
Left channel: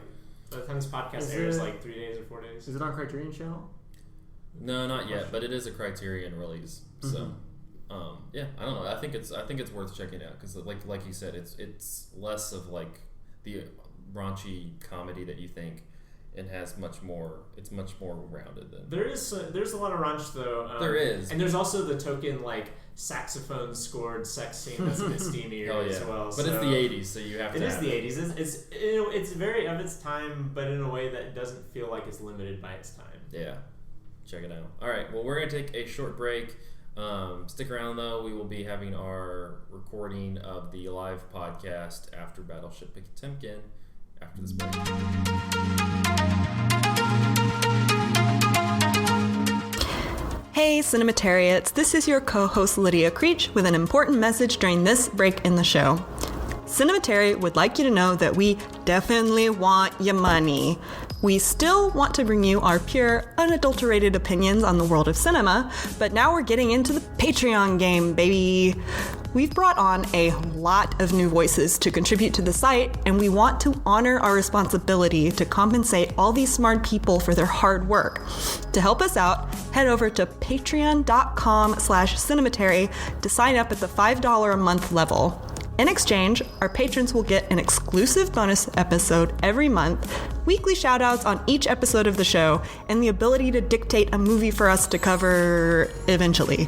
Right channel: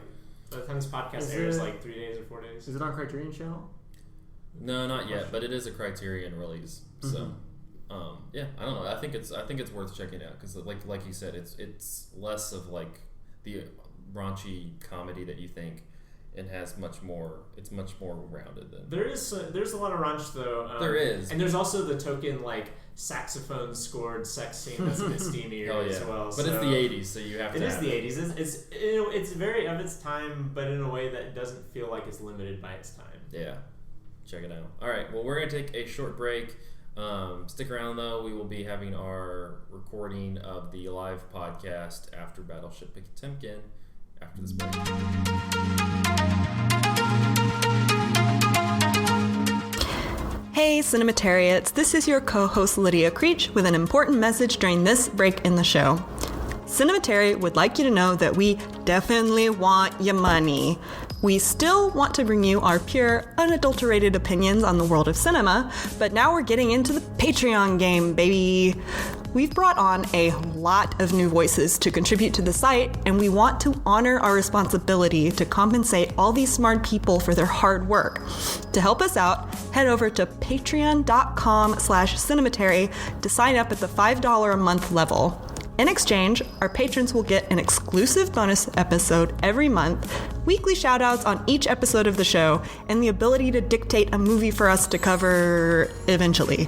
by the time this podcast airs, like 3 days or 4 days. Is it on Criterion Channel? No, not yet, but it is a Criterion release. So, yeah, I don't know. I think it's worth checking out, because like you said, it's less of like the raunchy comedy that you think, and has much more. It's much more rounded than. There's a lot of raunch though. There is, and there's also the token like saxophone scored sex scene that's a bit steamier as well. But it's the 80s, so you have to. It is the 80s. It's very of its time, but in a way that doesn't feel like it's limited by its time. Yeah, check it out. All right, well, we're gonna take a short break. Stick around though. We will be having our recording of the live podcast after Battleship Potemkin after this break. Hey Cinematariats, this is your co-host Lydia Creech with an important message during this break in the show. Cinematary would like you to know that we definitely want your money. We still want to bring you our pure, unadulterated opinions on the world of cinema, but now we're getting into the Patreon game, baby. We've brought on a lot of new voices to contribute to the site, and we want to honor our responsibility to compensate all these smart people for their hard work. To help us out, head over to patreon.com/cinematary to sign up at the $5 a month level. In exchange, our patrons will get an exclusive bonus episode every month, weekly shoutouts on each episode of the show, and the ability to dictate a movie for us to cover eventually.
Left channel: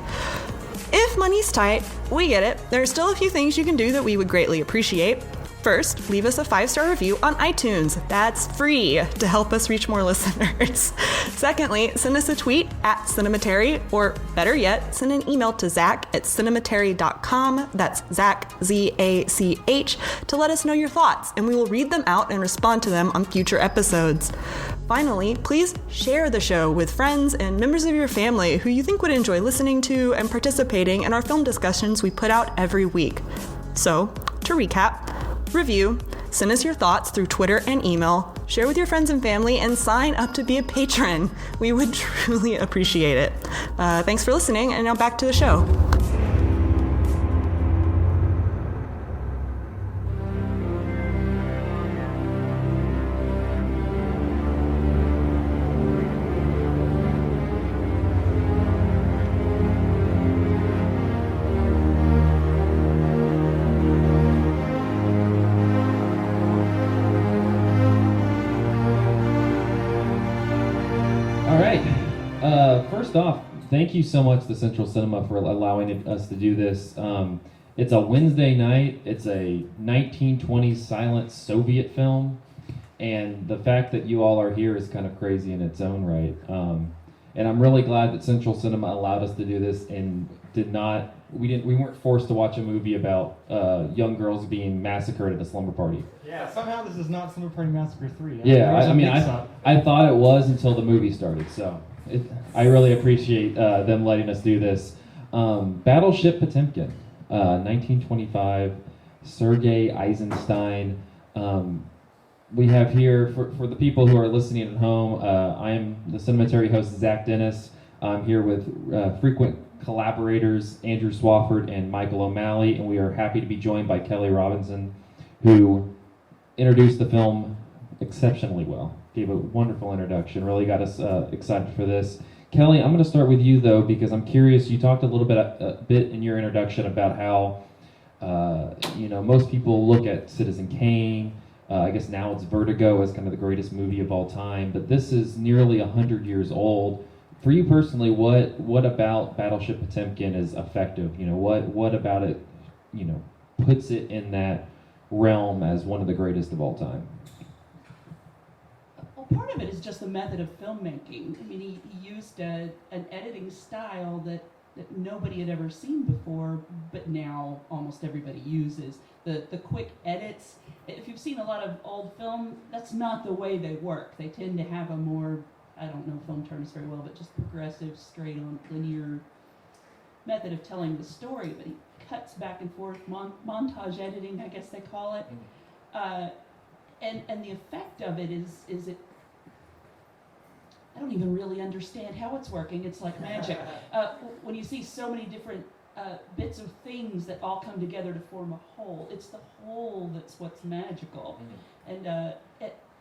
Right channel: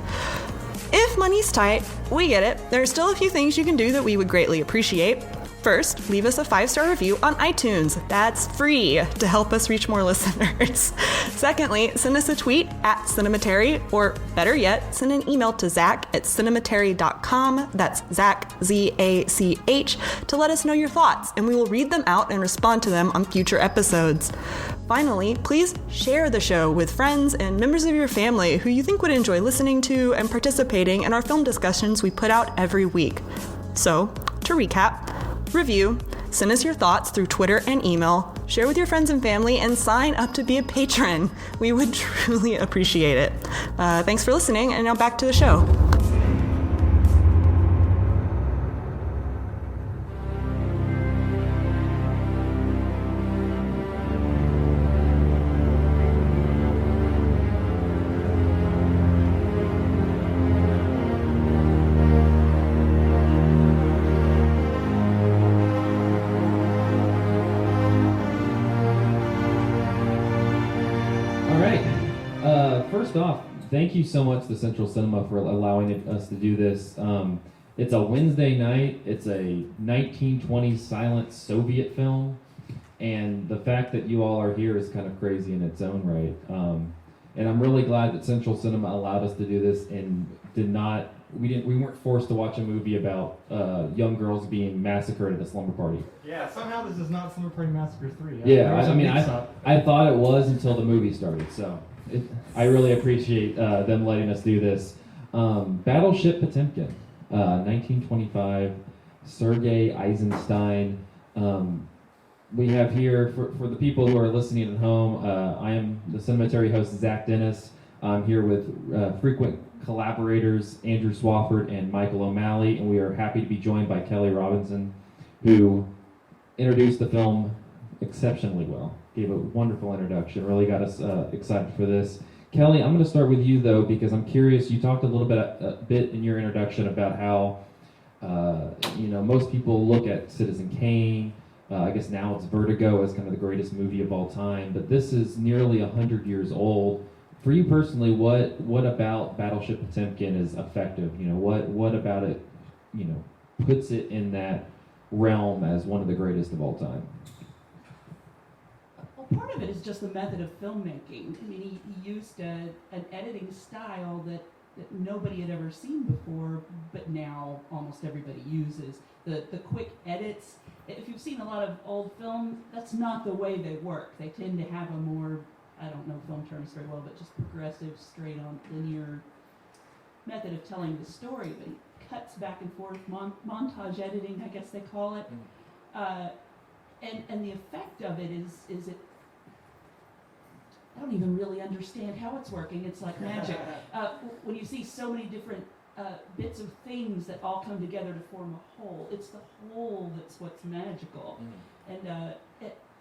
If money's tight, we get it. There are still a few things you can do that we would greatly appreciate. First, leave us a 5-star review on iTunes. That's free to help us reach more listeners. Secondly, send us a tweet at Cinematary, or better yet, send an email to Zach@cinematary.com. That's Zach, Z-A-C-H, to let us know your thoughts, and we will read them out and respond to them on future episodes. Finally, please share the show with friends and members of your family who you think would enjoy listening to and participating in our film discussions we put out every week. So, to recap, review, Send us your thoughts through Twitter and email, share with your friends and family, and sign up to be a patron. We would truly appreciate it. Thanks for listening, and now back to the show. First off, thank you so much to Central Cinema for allowing us to do this. It's a Wednesday night. It's a 1920s silent Soviet film, and the fact that you all are here is kind of crazy in its own right. And I'm really glad that Central Cinema allowed us to do this and we weren't forced to watch a movie about young girls being massacred at a slumber party. Yeah, somehow this is not Slumber Party Massacre 3. I thought it was until the movie started, so I really appreciate them letting us do this. Battleship Potemkin, 1925, Sergei Eisenstein. We have here, for the people who are listening at home, I am the Cinematary host, Zach Dennis. I'm here with frequent collaborators, Andrew Swafford and Michael O'Malley, and we are happy to be joined by Kelly Robinson, who introduced the film exceptionally well. Gave a wonderful introduction, really got us excited for this. Kelly, I'm going to start with you, though, because I'm curious. You talked a bit in your introduction about how, most people look at Citizen Kane. I guess now it's Vertigo as kind of the greatest movie of all time, but this is nearly 100 years old. For you personally, what about Battleship Potemkin is effective? What about it, puts it in that realm as one of the greatest of all time? Well, part of it is just the method of filmmaking. I mean, he used an editing style that nobody had ever seen before, but now almost everybody uses. The quick edits. If you've seen a lot of old film, that's not the way they work. They tend to have a more, I don't know film terms very well, but just progressive, straight-on, linear method of telling the story. But he cuts back and forth, montage editing, I guess they call it. And the effect of it is it. I don't even really understand how it's working. It's like magic. When you see so many different bits of things that all come together to form a whole, it's the whole that's what's magical. And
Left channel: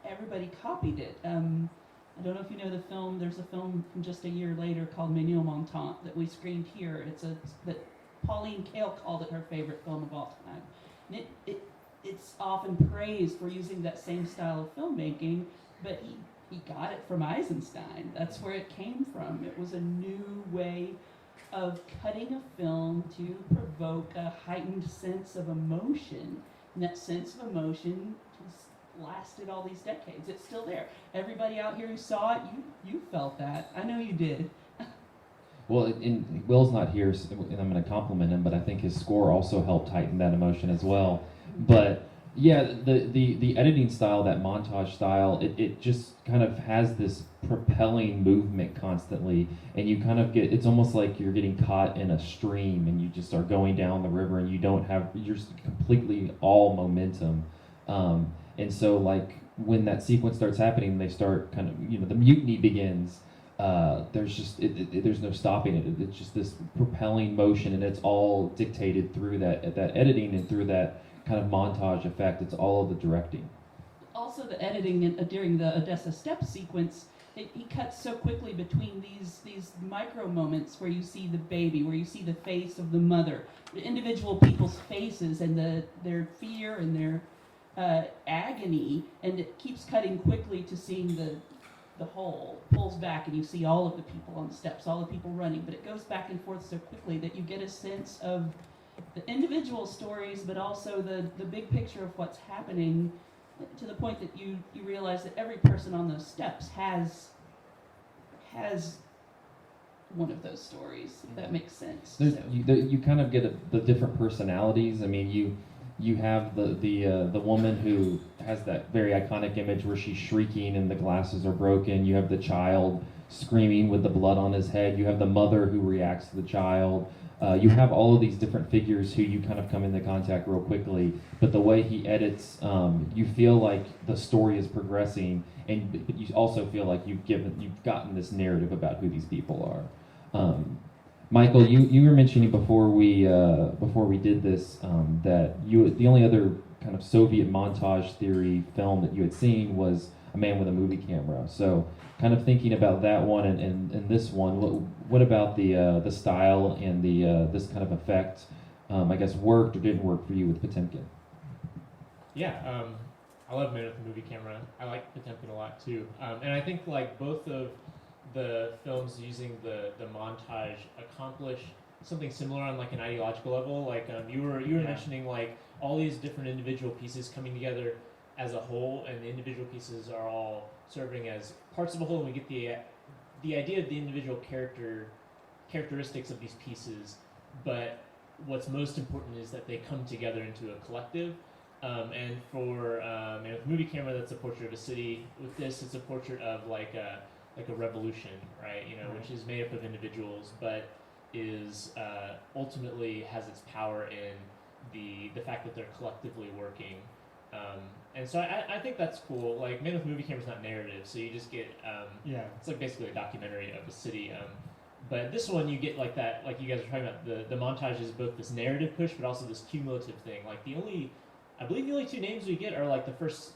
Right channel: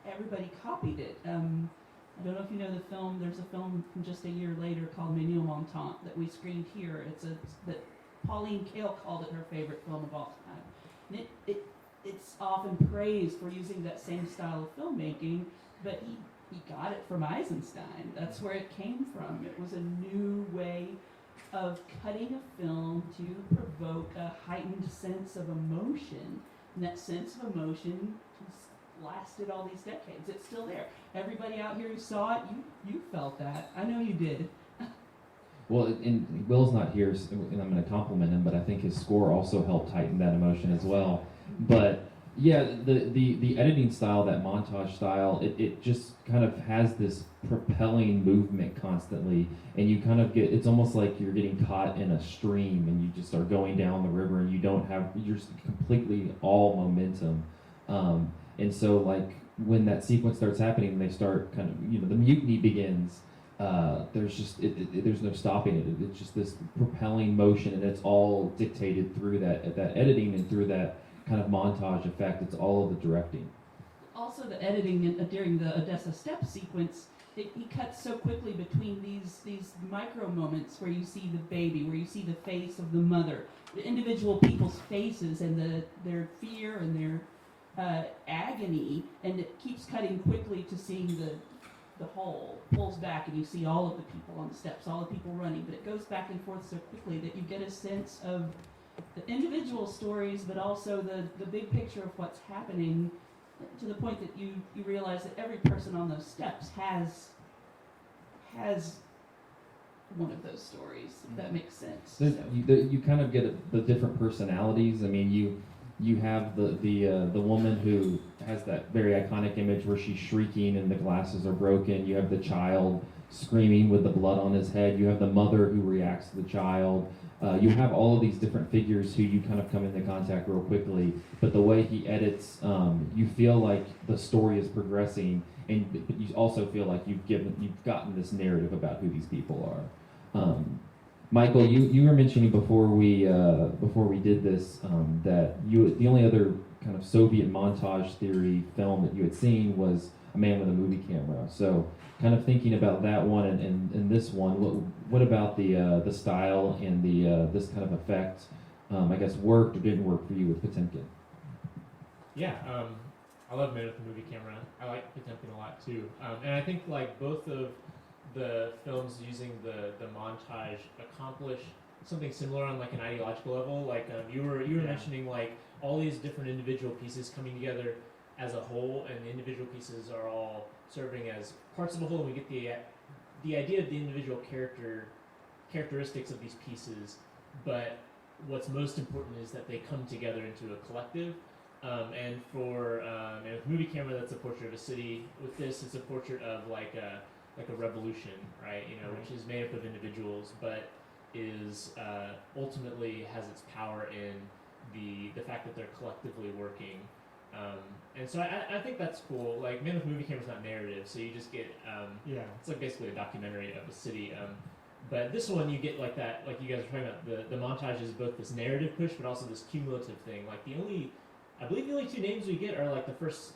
everybody copied it. I don't know if you know the film. There's a film from just a year later called Menil-Montant that we screened here. That Pauline Kael called it her favorite film of all time. And it's often praised for using that same style of filmmaking, but he got it from Eisenstein. That's where it came from. It was a new way of cutting a film to provoke a heightened sense of emotion. And that sense of emotion just lasted all these decades. It's still there. Everybody out here who saw it, you felt that. I know you did. Well, Will's not here, and I'm going to compliment him, but I think his score also helped heighten that emotion as well. But yeah, the editing style, that montage style, it just kind of has this propelling movement constantly, and you kind of it's almost like you're getting caught in a stream, and you just are going down the river, and you're just completely all momentum. And so, like, when that sequence starts happening, they start kind of, the mutiny begins. There's no stopping it. It's just this propelling motion, and it's all dictated through that editing and through that kind of montage effect. It's all of the directing. Also, the editing during the Odessa Steppe sequence, he cuts so quickly between these micro moments where you see the baby, where you see the face of the mother, the individual people's faces and their fear and their agony, and it keeps cutting quickly to seeing the whole, pulls back and you see all of the people on the steps, all the people running, but it goes back and forth so quickly that you get a sense of the individual stories, but also the big picture of what's happening, to the point that you realize that every person on those steps has one of those stories, if that makes sense. You kind of get the different personalities. I mean, you have the woman who has that very iconic image where she's shrieking and the glasses are broken. You have the child screaming with the blood on his head. You have the mother who reacts to the child. You have all of these different figures who you kind of come into contact real quickly, but the way he edits, you feel like the story is progressing, and but you also feel like you've gotten this narrative about who these people are. Michael, you were mentioning before we did this that the only other kind of Soviet montage theory film that you had seen was A Man with a Movie Camera. So, kind of thinking about that one and this one, what about the style and this kind of effect? I guess worked or didn't work for you with Potemkin? Yeah, I love Man with a Movie Camera. I like Potemkin a lot too, and I think like both of the films using the montage accomplish something similar on like an ideological level. Like you were mentioning like all these different individual pieces coming together as a whole, and the individual pieces are all serving as parts of a whole, and we get the idea of the individual characteristics of these pieces. But what's most important is that they come together into a collective. And for Man with a Movie Camera, that's a portrait of a city. With this, it's a portrait of like a revolution, right? Which is made up of individuals, but is ultimately has its power in the fact that they're collectively working. And so I think that's cool. Like Man with a Movie Camera is not narrative, so you just get it's like basically a documentary of a city. But this one you get like that, like you guys were talking about. The montage is both this narrative push, but also this cumulative thing. Like I believe the only two names we get are like the first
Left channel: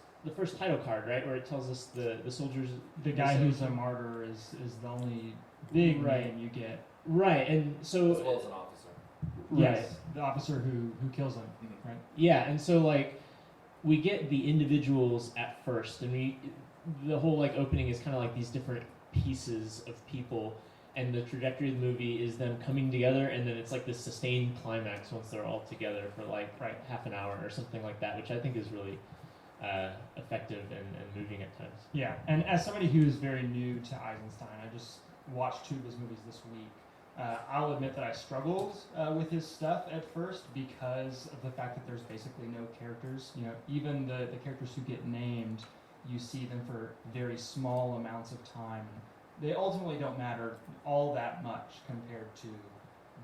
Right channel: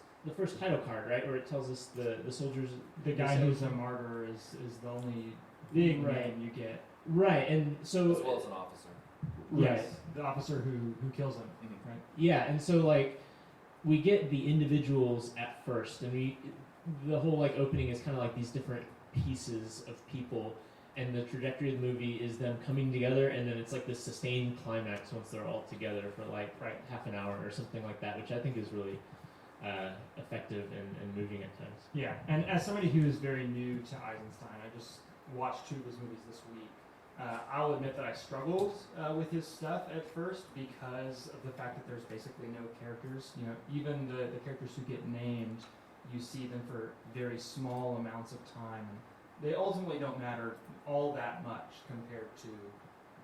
title card, right, where it tells us the soldiers. The guy who's a martyr is the only big name you get. Right, and so as well as an officer. Yes, the officer who kills him. Mm-hmm. Right. Yeah, and so like we get the individuals at first, and the whole like opening is kind of like these different pieces of people, and the trajectory of the movie is them coming together, and then it's like this sustained climax once they're all together for like half an hour or something like that, which I think is really effective and moving at times. Yeah, and as somebody who is very new to Eisenstein, I just watched 2 of his movies this week. I'll admit that I struggled with his stuff at first because of the fact that there's basically no characters. Even the characters who get named, you see them for very small amounts of time. They ultimately don't matter all that much compared to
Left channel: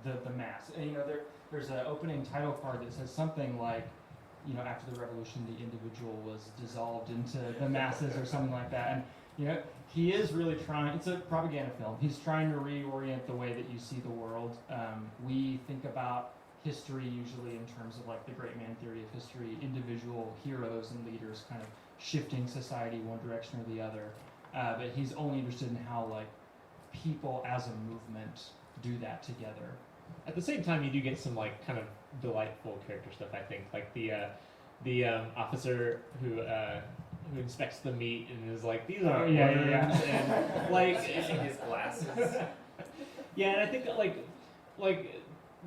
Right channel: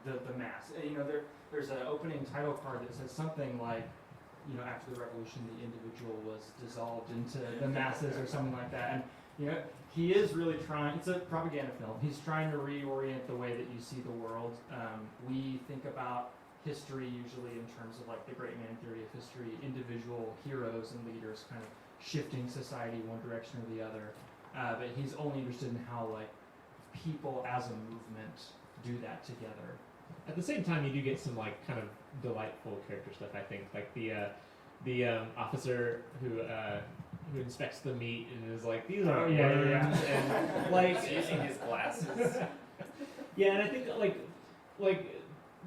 the mass. And there's an opening title card that says something like, after the revolution, the individual was dissolved into the masses or something like that. And he is really trying. It's a propaganda film. He's trying to reorient the way that you see the world. We think about history usually in terms of like the great man theory of history, individual heroes and leaders kind of shifting society one direction or the other. But he's only interested in how like people as a movement do that together. At the same time, you do get some like kind of delightful character stuff. I think like the officer who inspects the meat and is like, these are worms, and like using his glasses. Yeah, and I think that like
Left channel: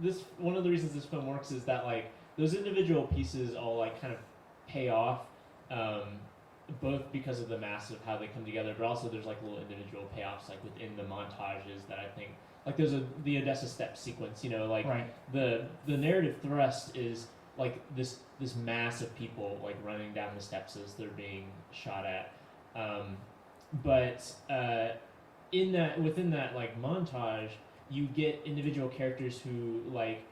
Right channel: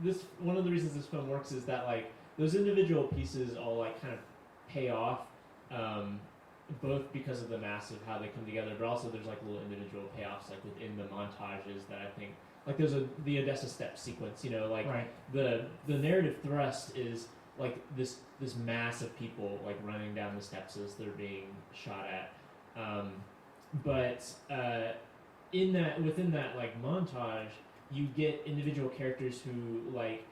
this one of the reasons this film works is that like those individual pieces all like kind of pay off. Both because of the mass of how they come together, but also there's like little individual payoffs like within the montages that I think like there's the Odessa Steps sequence, the narrative thrust is like this mass of people like running down the steps as they're being shot at, but within that like montage you get individual characters who like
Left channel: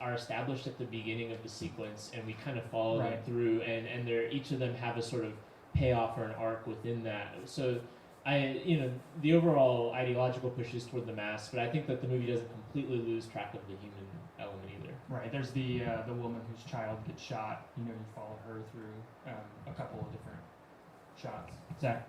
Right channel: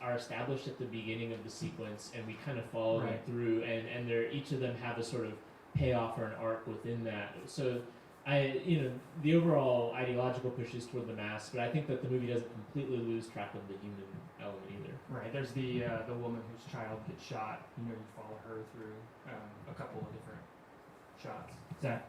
are established at the beginning of the sequence, and we kind of follow them through, and each of them have a sort of payoff or an arc within that. So the overall ideological push is toward the mass, but I think that the movie doesn't completely lose track of the human element either. Right. There's the woman whose child gets shot. You follow her through a couple of different shots. Zach.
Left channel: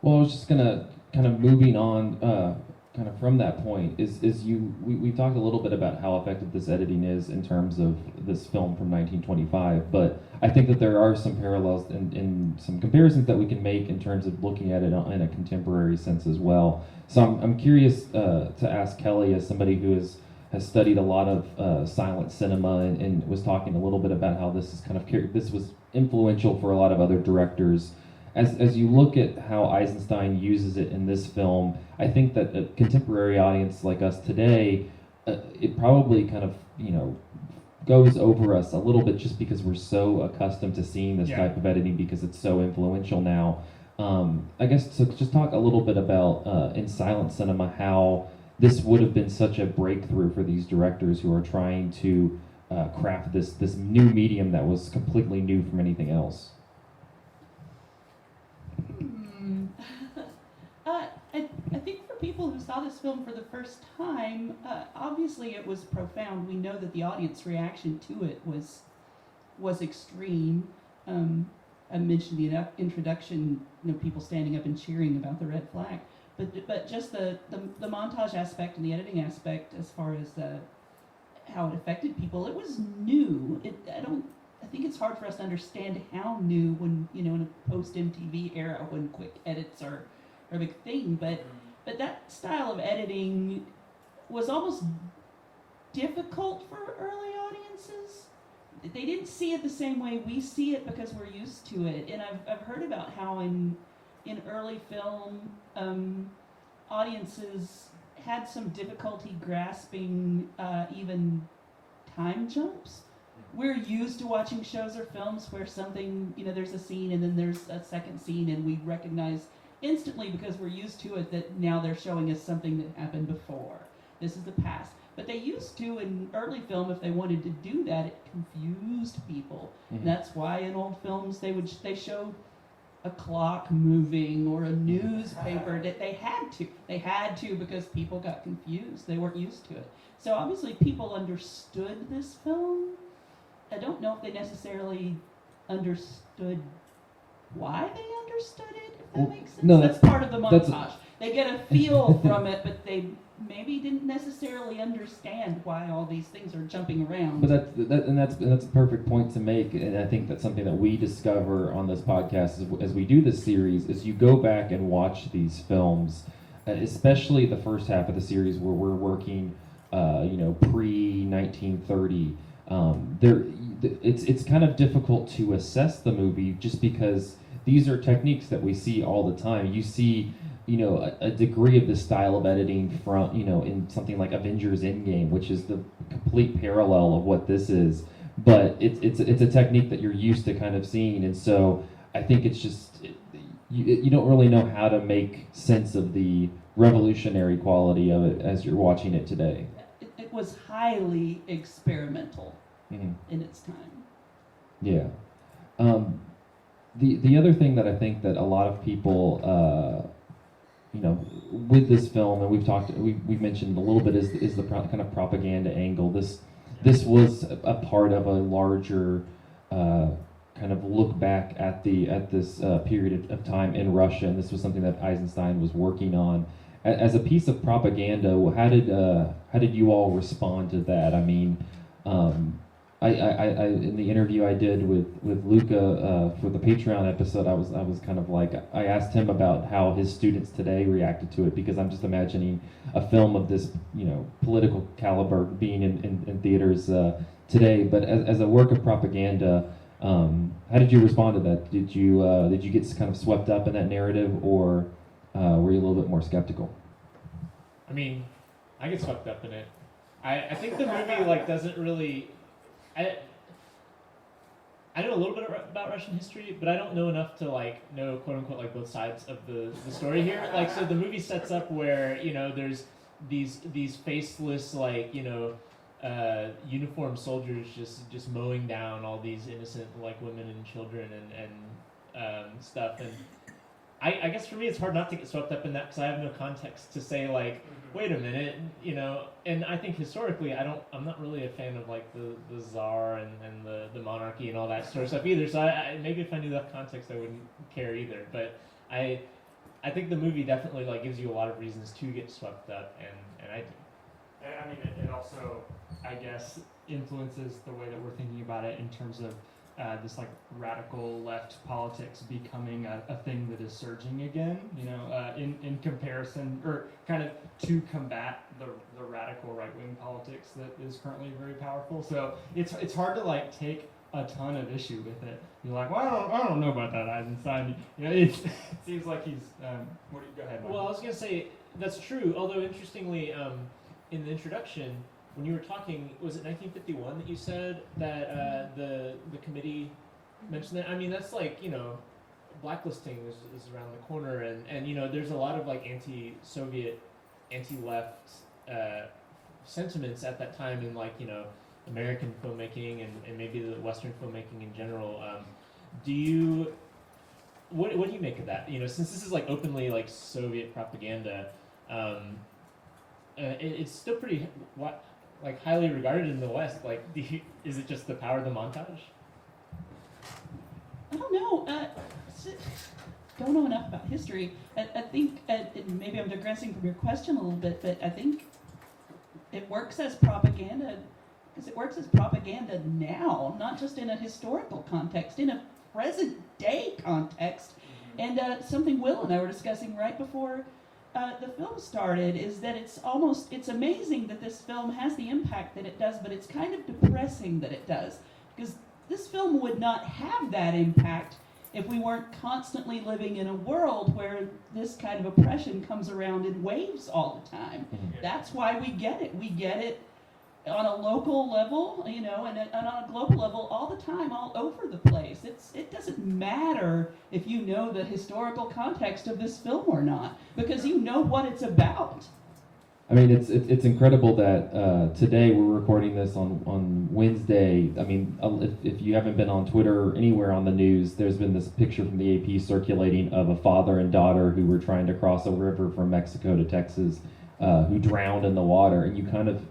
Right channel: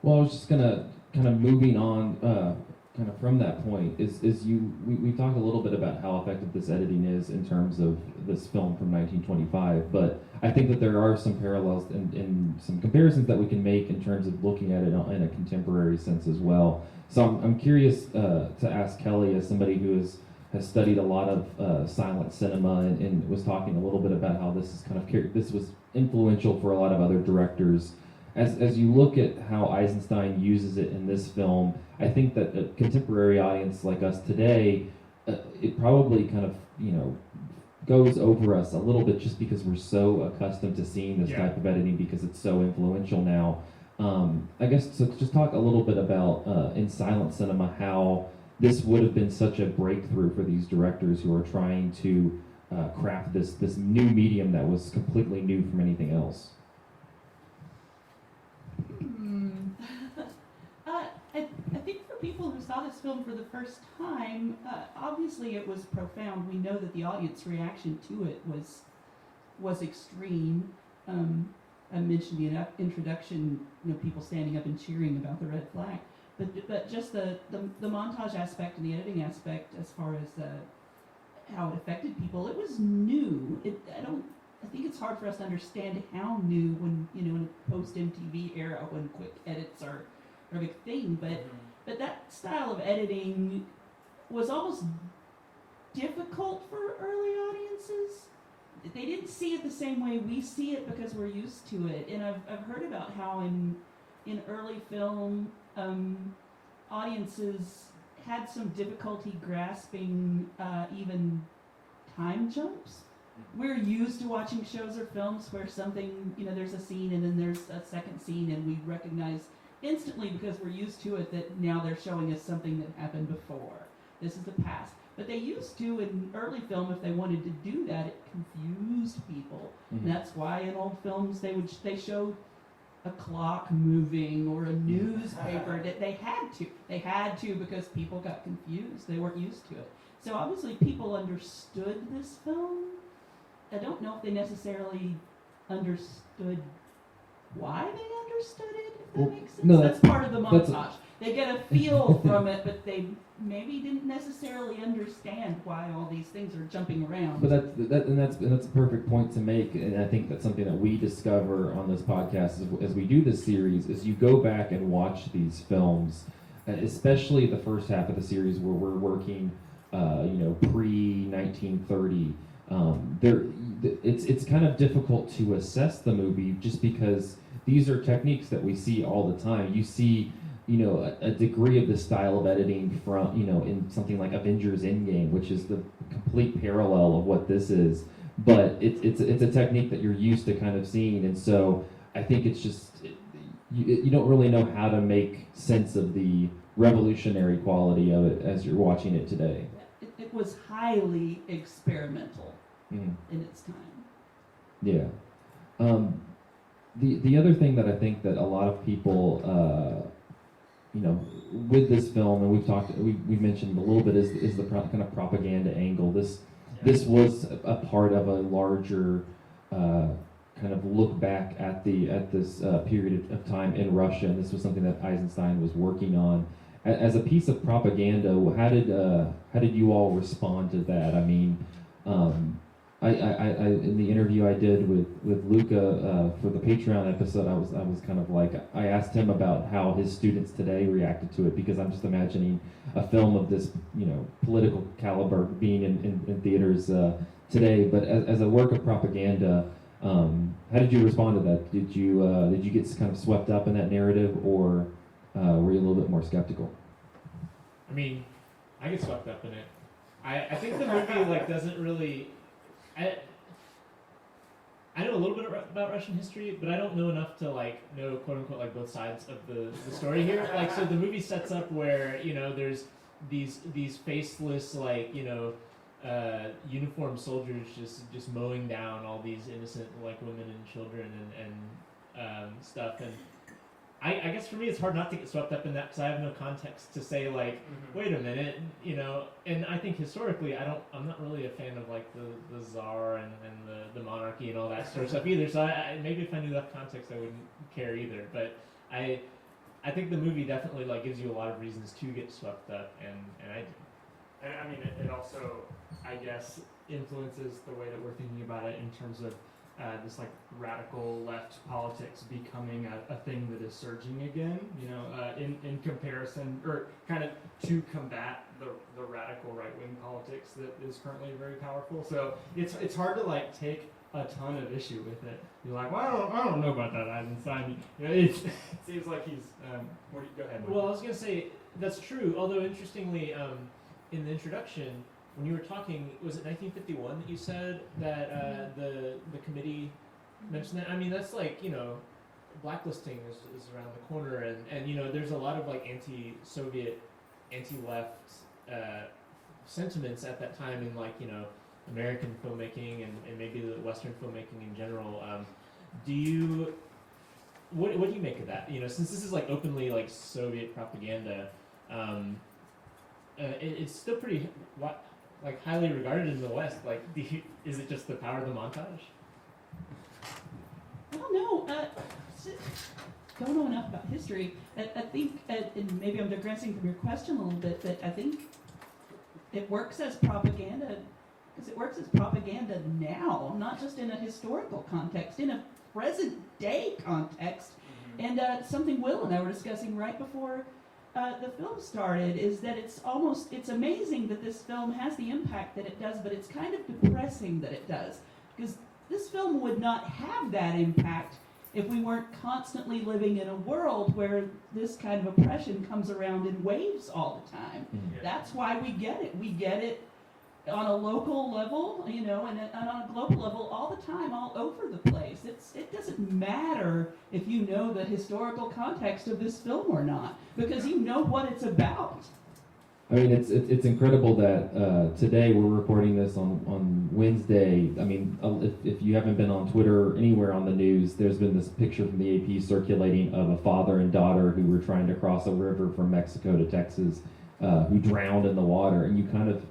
Well, I was just gonna kind of moving on. Kind of from that point we talked a little bit about how effective this editing is in terms of this film from 1925, but I think that there are some parallels and some comparisons that we can make in terms of looking at it in a contemporary sense as well. So I'm curious to ask Kelly, as somebody who has studied a lot of silent cinema and was talking a little bit about how this was influential for a lot of other directors. As you look at how Eisenstein uses it in this film, I think that a contemporary audience like us today, it probably kind of, goes over us a little bit just because we're so accustomed to seeing this type of editing because it's so influential now. I guess to just talk a little bit about in silent cinema how this would have been such a breakthrough for these directors who are trying to craft this new medium that was completely new from anything else? I think for people who saw this film for the first time, obviously it was profound. We know that the audience reaction to it was extreme. I mentioned the introduction, people standing up and cheering about the red flag. But just the montage aspect and the editing aspect, as far as how it affected people, it was new. I think it's hard for us to understand how new when in a post MTV era when quick edits are a big thing. But that style of editing was almost difficult for early audiences. They didn't see it the same way we see it because we're used to it. And I've heard about how in early film, audiences had some difficulty grasping even time jumps. We're used to watching shows or films where something, there's a scene and then there's a second scene and we recognize instantly because we're used to it that now they're showing us something that happened before. This is the past. But they used to, in early film, if they wanted to do that, it confused people. Mm-hmm. That's why in old films they showed a clock moving or a newspaper. They had to because people got confused. They weren't used to it. So obviously people understood this film. I don't know if they necessarily understood why they understood it, if that makes sense. No, that's part of the montage. They get a feel from it, but they maybe didn't necessarily understand why all these things are jumping around. But that's a perfect point to make, and I think that's something that we discover on this podcast as we do this series. Is you go back and watch these films, especially the first half of the series where we're working, pre-1930. It's kind of difficult to assess the movie just because these are techniques that we see all the time. You see, a degree of this style of editing from, in something like Avengers Endgame, which is the complete parallel of what this is. But it's a technique that you're used to kind of seeing, and so I think it's just you don't really know how to make sense of the revolutionary quality of it as you're watching it today. It was highly experimental Mm-hmm. in its time. Yeah. The other thing that I think that a lot of people, with this film, and we've mentioned a little bit, is the kind of propaganda angle. This was a part of a larger kind of look back at this period of time in Russia, and this was something that Eisenstein was working on. As a piece of propaganda, how did you all respond to that? I mean, I in the interview I did with Luca for the Patreon episode, I was kind of like, I asked him about how his students today reacted to it, because I'm just imagining a film of this political caliber being in theaters today. But as a work of propaganda, how did you respond to that? Did you get kind of swept up in that narrative, or were you a little bit more skeptical? I mean, I get swept up in it. I think the movie doesn't really. I know a little bit about Russian history, but I don't know enough to know quote unquote both sides of the story here. So the movie sets up where there's these faceless uniformed soldiers just mowing down all these innocent women and children and stuff. And I guess for me it's hard not to get swept up in that because I have no context to say wait a minute, and I think historically I'm not really a fan of the Tsar and the monarchy and all that sort of stuff either. So maybe if I knew that context I wouldn't care either. But I think the movie definitely gives you a lot of reasons to get swept up, and I do. I mean, it also, I guess, influences the way that we're thinking about it in terms of this radical left politics becoming a thing that is surging again, in comparison, or kind of to combat the radical right-wing politics that is currently very powerful. So it's hard to take a ton of issue with it. You're like, well, I don't know about that Eisenstein. It seems like he's. Go ahead, Mike. Well, I was gonna say that's true. Although interestingly, in the introduction, when you were talking, was it 1951 that you said that the committee mentioned that? I mean, that's blacklisting is around the corner, and there's a lot of anti-Soviet anti-left sentiments at that time in like American filmmaking and maybe the Western filmmaking in general. What do you make of that? Since this is like openly like Soviet propaganda, it's still pretty like highly regarded in the West. Like, is it just the power of the montage? I don't know. Don't know enough about history. I think, and maybe I'm digressing from your question a little bit, but I think it works as propaganda because it works as propaganda now, not just in a historical context, in a present day context. And something Will and I were discussing right before the film started is that it's amazing that this film has the impact that it does, but it's kind of depressing that it does. Because this film would not have that impact if we weren't constantly living in a world where this kind of oppression comes around in waves all the time. That's why we get it. We get it on a local level, and on a global level all the time, all over the place. It doesn't matter if you know the historical context of this film or not, because you know what it's about. I mean, it's incredible that today we're recording this on Wednesday. I mean, if you haven't been on Twitter or anywhere on the news, there's been this picture from the AP circulating of a father and daughter who were trying to cross a river from Mexico to Texas, who drowned in the water. And you kind of,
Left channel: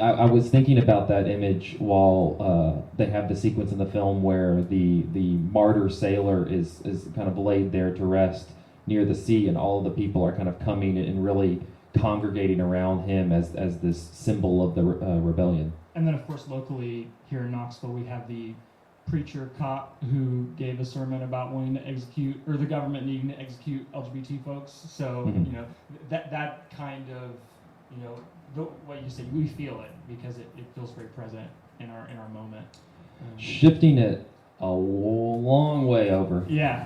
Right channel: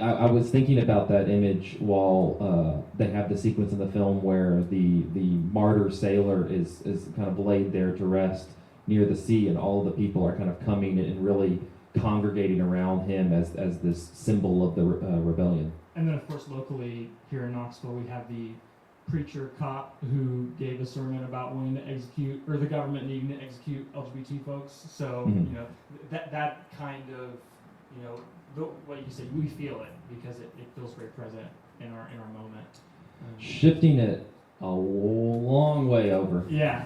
I was thinking about that image while they have the sequence in the film where the martyr sailor is kind of laid there to rest near the sea, and all of the people are kind of coming and really congregating around him as this symbol of the rebellion. And then, of course, locally here in Knoxville, we have the preacher cop who gave a sermon about wanting to execute, or the government needing to execute LGBT folks. So, that kind of, what you say, we feel it because it feels very present in our moment. Shifting it a long way over. Yeah.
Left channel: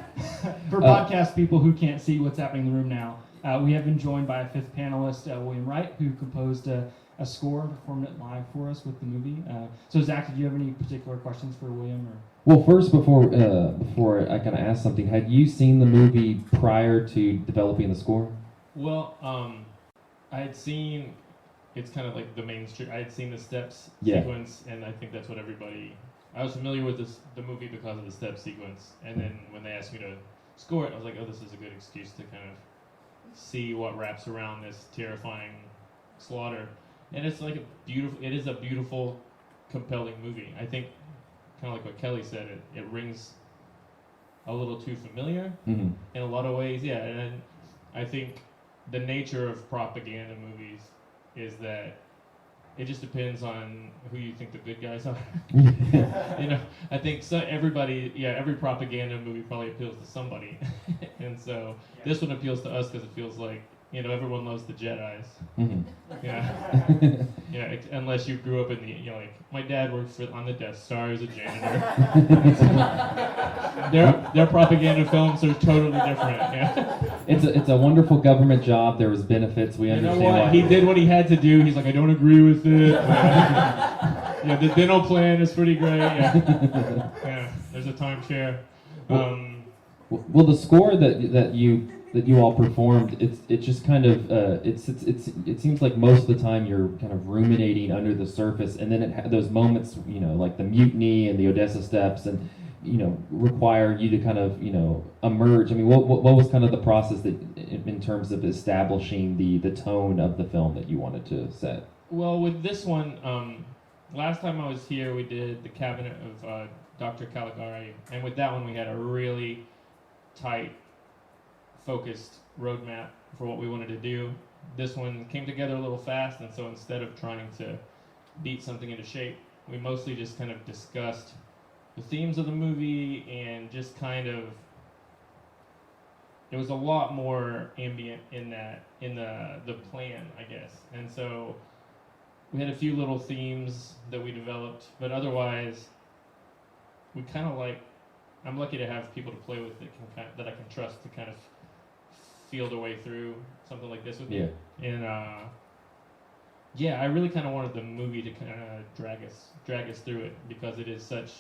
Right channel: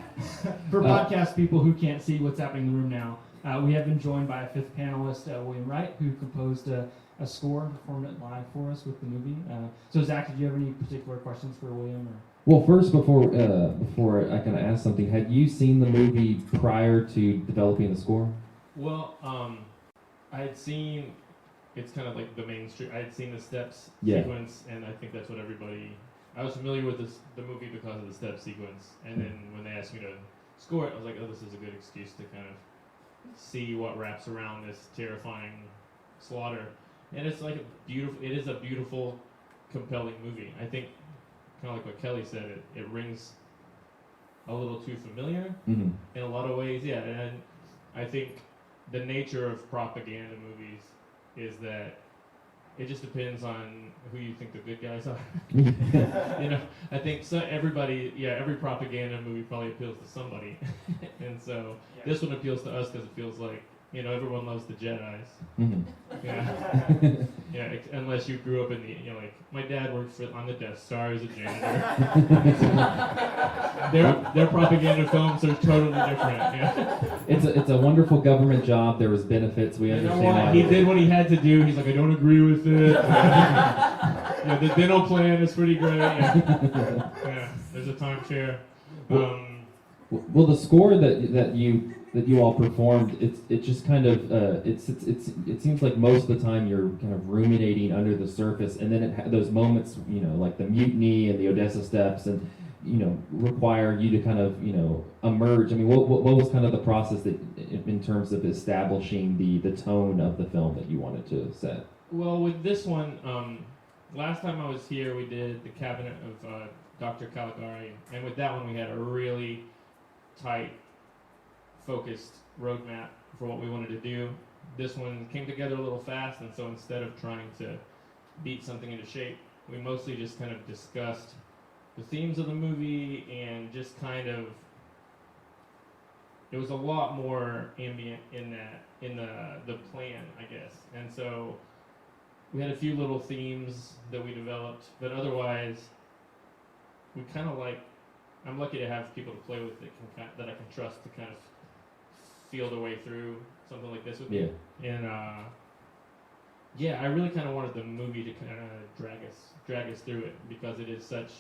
For podcast people who can't see what's happening in the room now, we have been joined by a fifth panelist, William Wright, who composed a score, performed it live for us with the movie. So, Zach, did you have any particular questions for William? Or? Well, first, before I kind of ask something, had you seen the movie prior to developing the score? Well, I had seen, it's kind of like the mainstream, I had seen the steps sequence, and I think that's what I was familiar with the movie because of the step sequence, and then when they asked me to score it, I was like, oh, this is a good excuse to kind of see what wraps around this terrifying slaughter. And it's like it is a beautiful, compelling movie. I think, kind of like what Kelly said, it rings a little too familiar in a lot of ways. Yeah, and I think the nature of propaganda movies is that it just depends on who you think the good guys are. I think every propaganda movie probably appeals to somebody. And so this one appeals to us because it feels like, everyone loves the Jedis. Unless you grew up in the, like, my dad worked on the Death Star as a janitor. Their propaganda films are totally different. Yeah. It's a wonderful government job. There was benefits. We understand. He did what he had to do. He's like, I don't agree with it. The dental plan is pretty great. Yeah, there's a timeshare. Well, the score that you all performed, it just kind of it seems like most of the time you're kind of ruminating under the surface, and then it had those moments, like the mutiny and the Odessa steps, and require you to kind of emerge. I mean, what was kind of the process that in terms of establishing the tone of the film that you wanted to set? Well, with this one, last time I was here, we did the Cabinet of Dr. Caligari, and with that one we had a really tight, focused roadmap for what we wanted to do. This one came together a little fast, and so instead of trying to beat something into shape, we mostly just kind of discussed the themes of the movie and just kind of, it was a lot more ambient in the plan, I guess. And so we had a few little themes that we developed, but otherwise we kind of I'm lucky to have people to play with that I can trust to kind of feel their way through something like this with me. And I really kind of wanted the movie to kind of drag us through it, because it is such,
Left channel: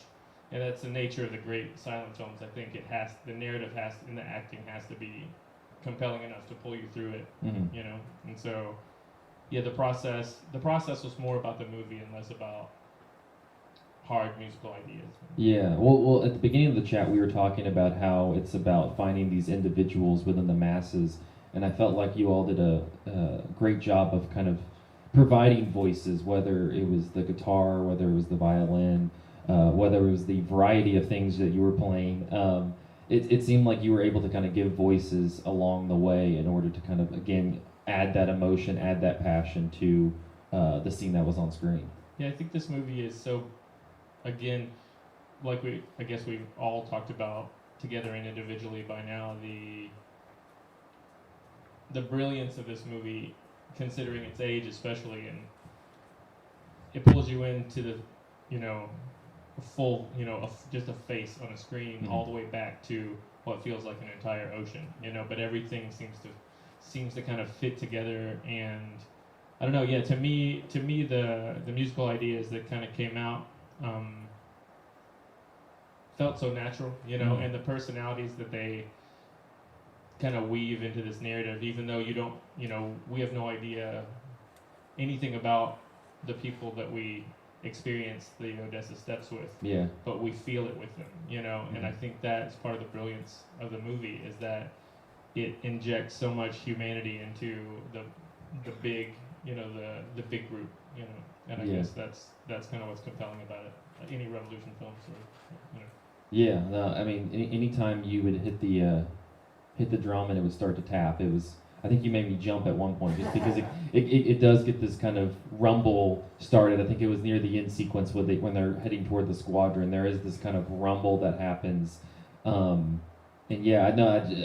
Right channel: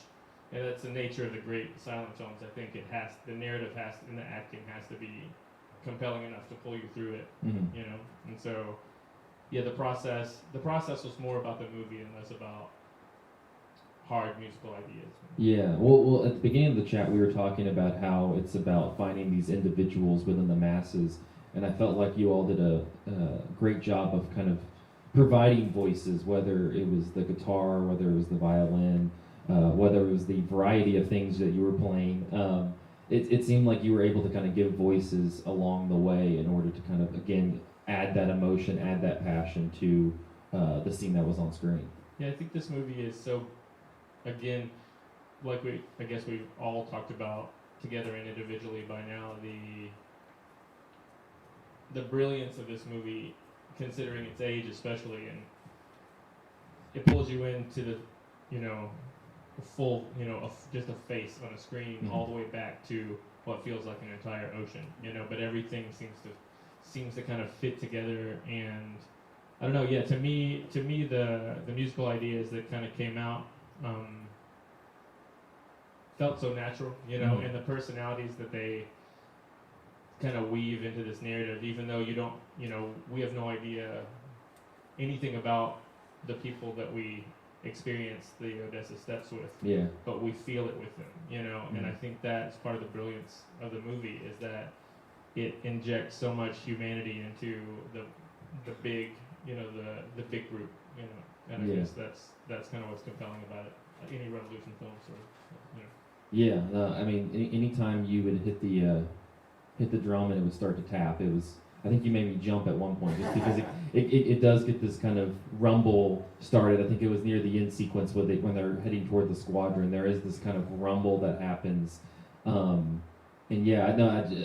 and that's the nature of the great silent films. I think the narrative and the acting has to be compelling enough to pull you through it, Mm-hmm. you know. And so, yeah, the process was more about the movie and less about hard musical ideas. Yeah, well, at the beginning of the chat, we were talking about how it's about finding these individuals within the masses, and I felt like you all did a great job of kind of providing voices, whether it was the guitar, whether it was the violin, whether it was the variety of things that you were playing. It seemed like you were able to kind of give voices along the way in order to kind of, again, add that emotion, add that passion to the scene that was on screen. Yeah, I think this movie is so, again, like I guess we've all talked about together and individually by now, the brilliance of this movie, considering its age especially, and it pulls you into the, you know, a full, you know, just a face on a screen, Mm-hmm. all the way back to what feels like an entire ocean, you know, but everything seems to kind of fit together. And I don't know, yeah, to me the musical ideas that kind of came out felt so natural, you know, Mm-hmm. and the personalities that they kind of weave into this narrative, even though you don't, you know, we have no idea anything about the people that we experience the Odessa Steps with, Yeah. but we feel it with them, you know. And I think that's part of the brilliance of the movie, is that it injects so much humanity into the big, you know, the big group, you know. And I Yeah. guess that's kind of what's compelling about it. Any Revolution films, or you know. Yeah, no, I mean, anytime you would hit the drum and it would start to tap, it was. I think you made me jump at one point just because it does get this kind of rumble started. I think it was near the end sequence when they're heading toward the squadron. There is this kind of rumble that happens, and yeah,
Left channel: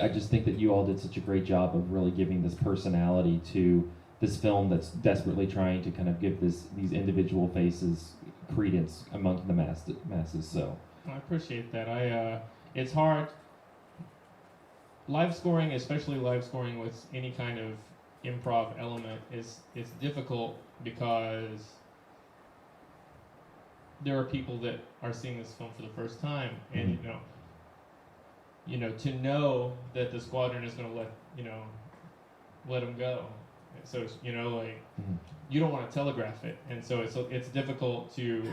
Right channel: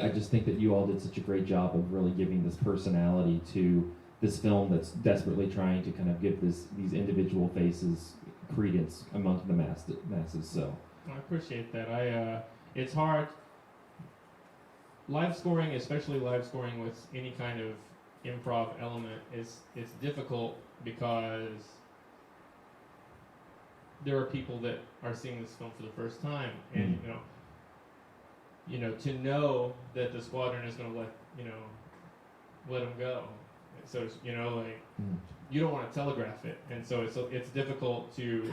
I just think that you all did such a great job of really giving this personality to this film that's desperately trying to kind of give these individual faces credence among the masses. So. I appreciate that. It's hard. Live scoring, especially live scoring with any kind of improv element, it's difficult because there are people that are seeing this film for the first time, and you know, to know that the squadron is going to let them go. So you know, like you don't want to telegraph it, and so it's difficult to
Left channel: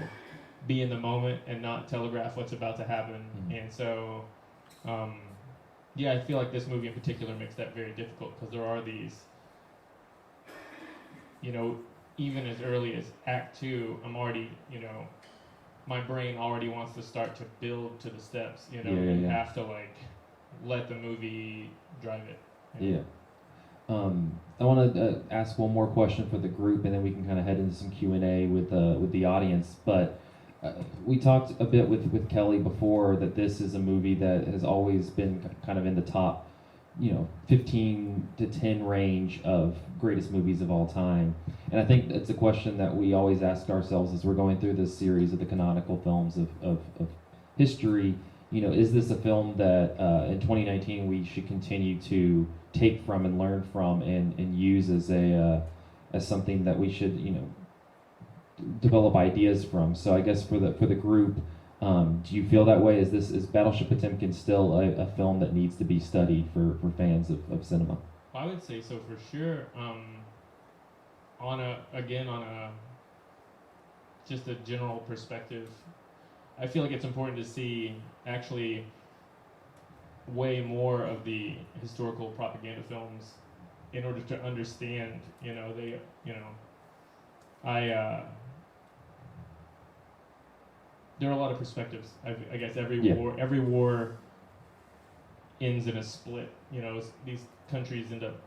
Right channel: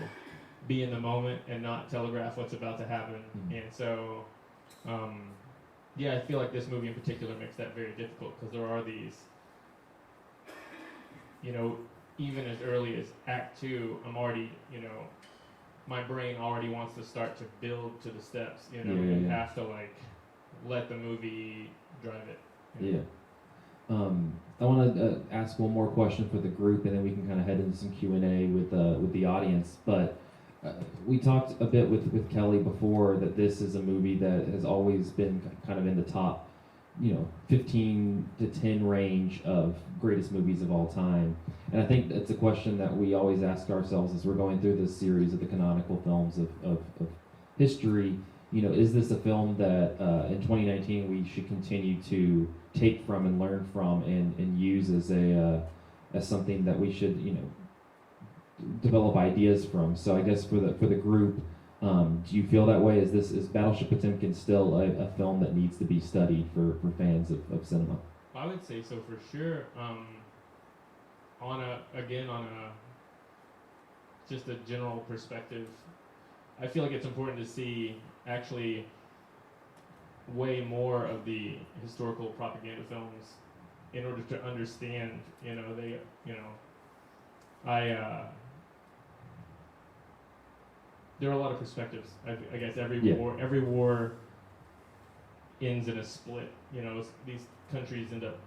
be in the moment and not telegraph what's about to happen. And so, yeah, I feel like this movie in particular makes that very difficult, because there are these, you know, even as early as Act 2, I'm already, you know, my brain already wants to start to build to the steps, you know, Yeah. you have to, like, let the movie drive it. You know? Yeah. I want to ask one more question for the group, and then we can kind of head into some Q&A with the audience. But we talked a bit with Kelly before that this is a movie that has always been kind of in the top, you know, 15 to 10 range of greatest movies of all time. And I think it's a question that we always ask ourselves as we're going through this series of the canonical films of history. You know, is this a film that in 2019 we should continue to take from and learn from and use as something that we should, you know, develop ideas from? So I guess for the group, do you feel that way? Is Battleship Potemkin still a film that needs to be studied for fans of cinema? I would say so for sure. On a just a general perspective, I feel like it's important to see actually way more of the historical propaganda films in order to understand, you know, there are a lot of perspectives. I guess every war ends in a split. You know, these countries end up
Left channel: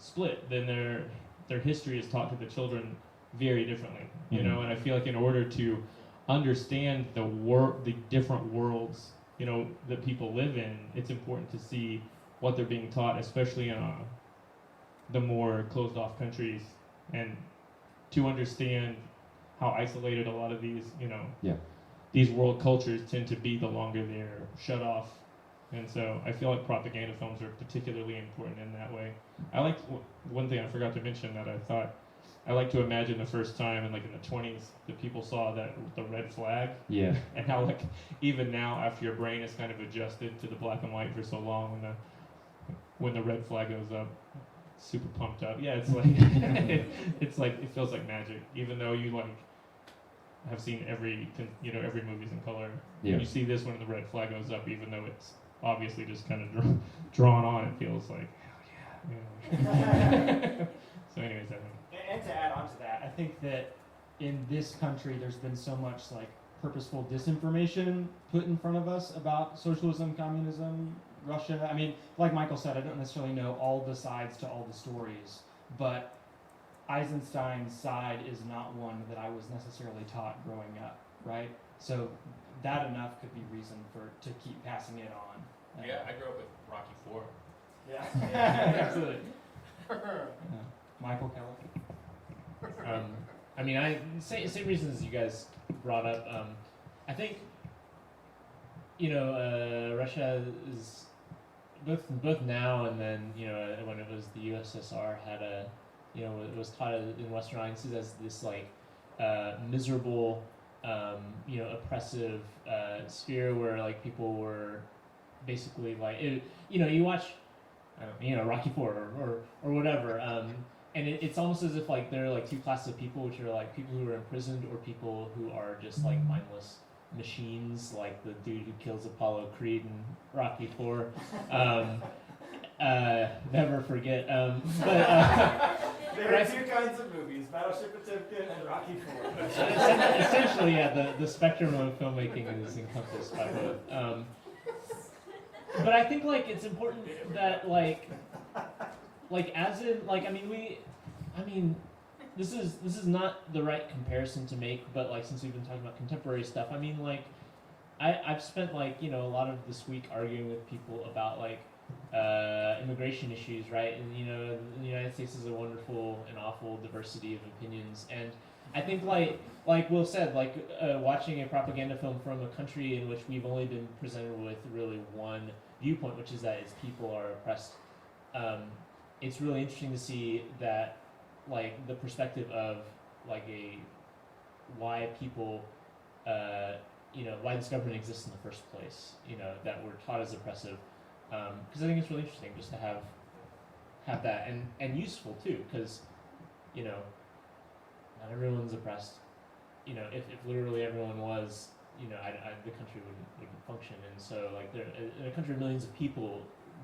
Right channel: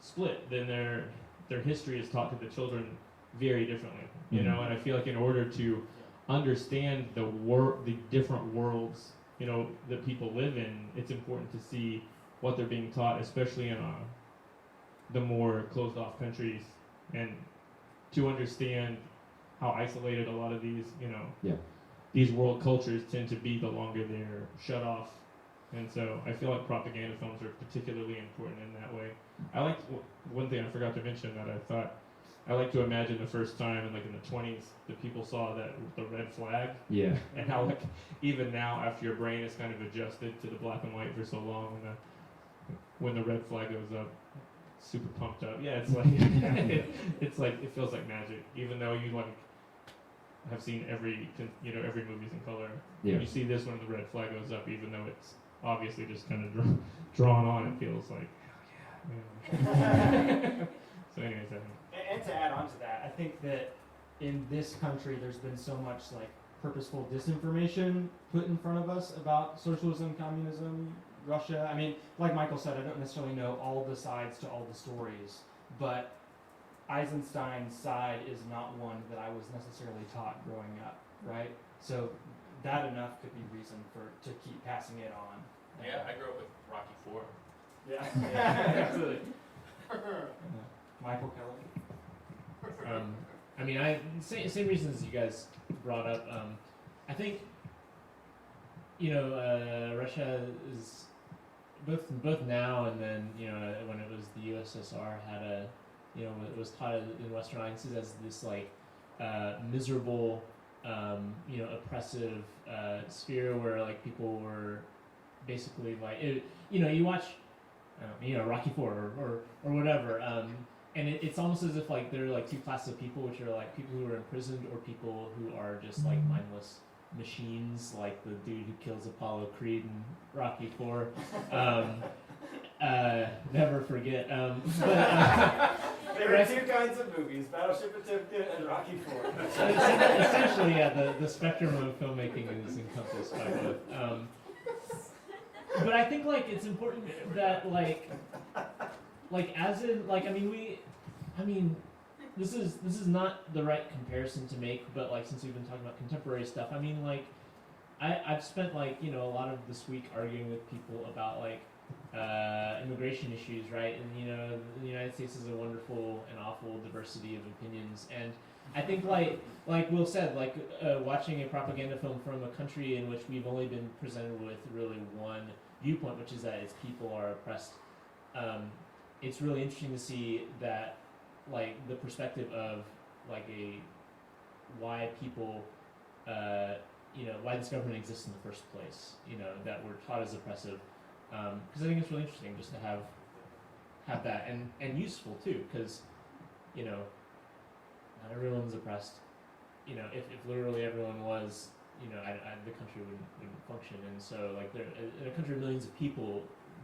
split. Then their history is taught to the children very differently. You know, and I feel like in order to understand the different worlds, you know, that people live in, it's important to see what they're being taught, especially in the more closed off countries, and to understand how isolated a lot of these, you know, these world cultures tend to be the longer they're shut off. And so I feel like propaganda films are particularly important in that way. I like one thing I forgot to mention that I thought I like to imagine the first time in the 20s that people saw the red flag. Yeah. And how even now, after your brain is kind of adjusted to the black and white for so long, and when the red flag goes up, super pumped up. Yeah, it's like it's like it feels like magic, even though you like have seen every movies in color. Yeah. When you see this when the red flag goes up, even though it's obviously just kind of drawn on, it feels like hell yeah. So anyways, I think. And to add on to that, I think that in this country there's been so much like purposeful disinformation put in front of us about socialism, communism, Russia. I mean, like Michael said, I don't necessarily know all the sides to all the stories, but Eisenstein's side is not one that I was necessarily taught growing up, right? So that enough could be reason to keep passing it on. Yeah, I grew up with Rocky IV. Yeah, absolutely. Michael Keller. I mean, same reasons you guys brought up. I think Russia is both now and then when it was the USSR had it was taught in Western audiences as this like miserable oppressive sphere where like people were basically like you watch Rocky IV or whatever. And it's almost as if like there are like two classes of people, which are like people who are imprisoned or people who are just like mindless machines, like the dude who kills Apollo Creed in Rocky IV. Never forget. There are two kinds of movies: Battleship Potemkin and Rocky IV. Essentially, yeah, the spectrum of filmmaking is encompassed by both. But I think like it's important that like as in like this is not the right comparison to make, but like since we've been talking about contemporary stuff, I mean like I've spent like a lot of this week arguing with people about like immigration issues, right? And the United States is a wonderful and awful diversity of opinions, and I think like Will said, like watching a propaganda film from a country in which we've only been presented with really one viewpoint, which is that its people are oppressed. It's really interesting to see that like the perspective of like why people why this government exists in the first place, that we're taught as oppressive, because I think it's really interesting just to have that and useful too, because not everyone's oppressed. If literally everyone was, the country wouldn't function. And so like there in a country of millions of people,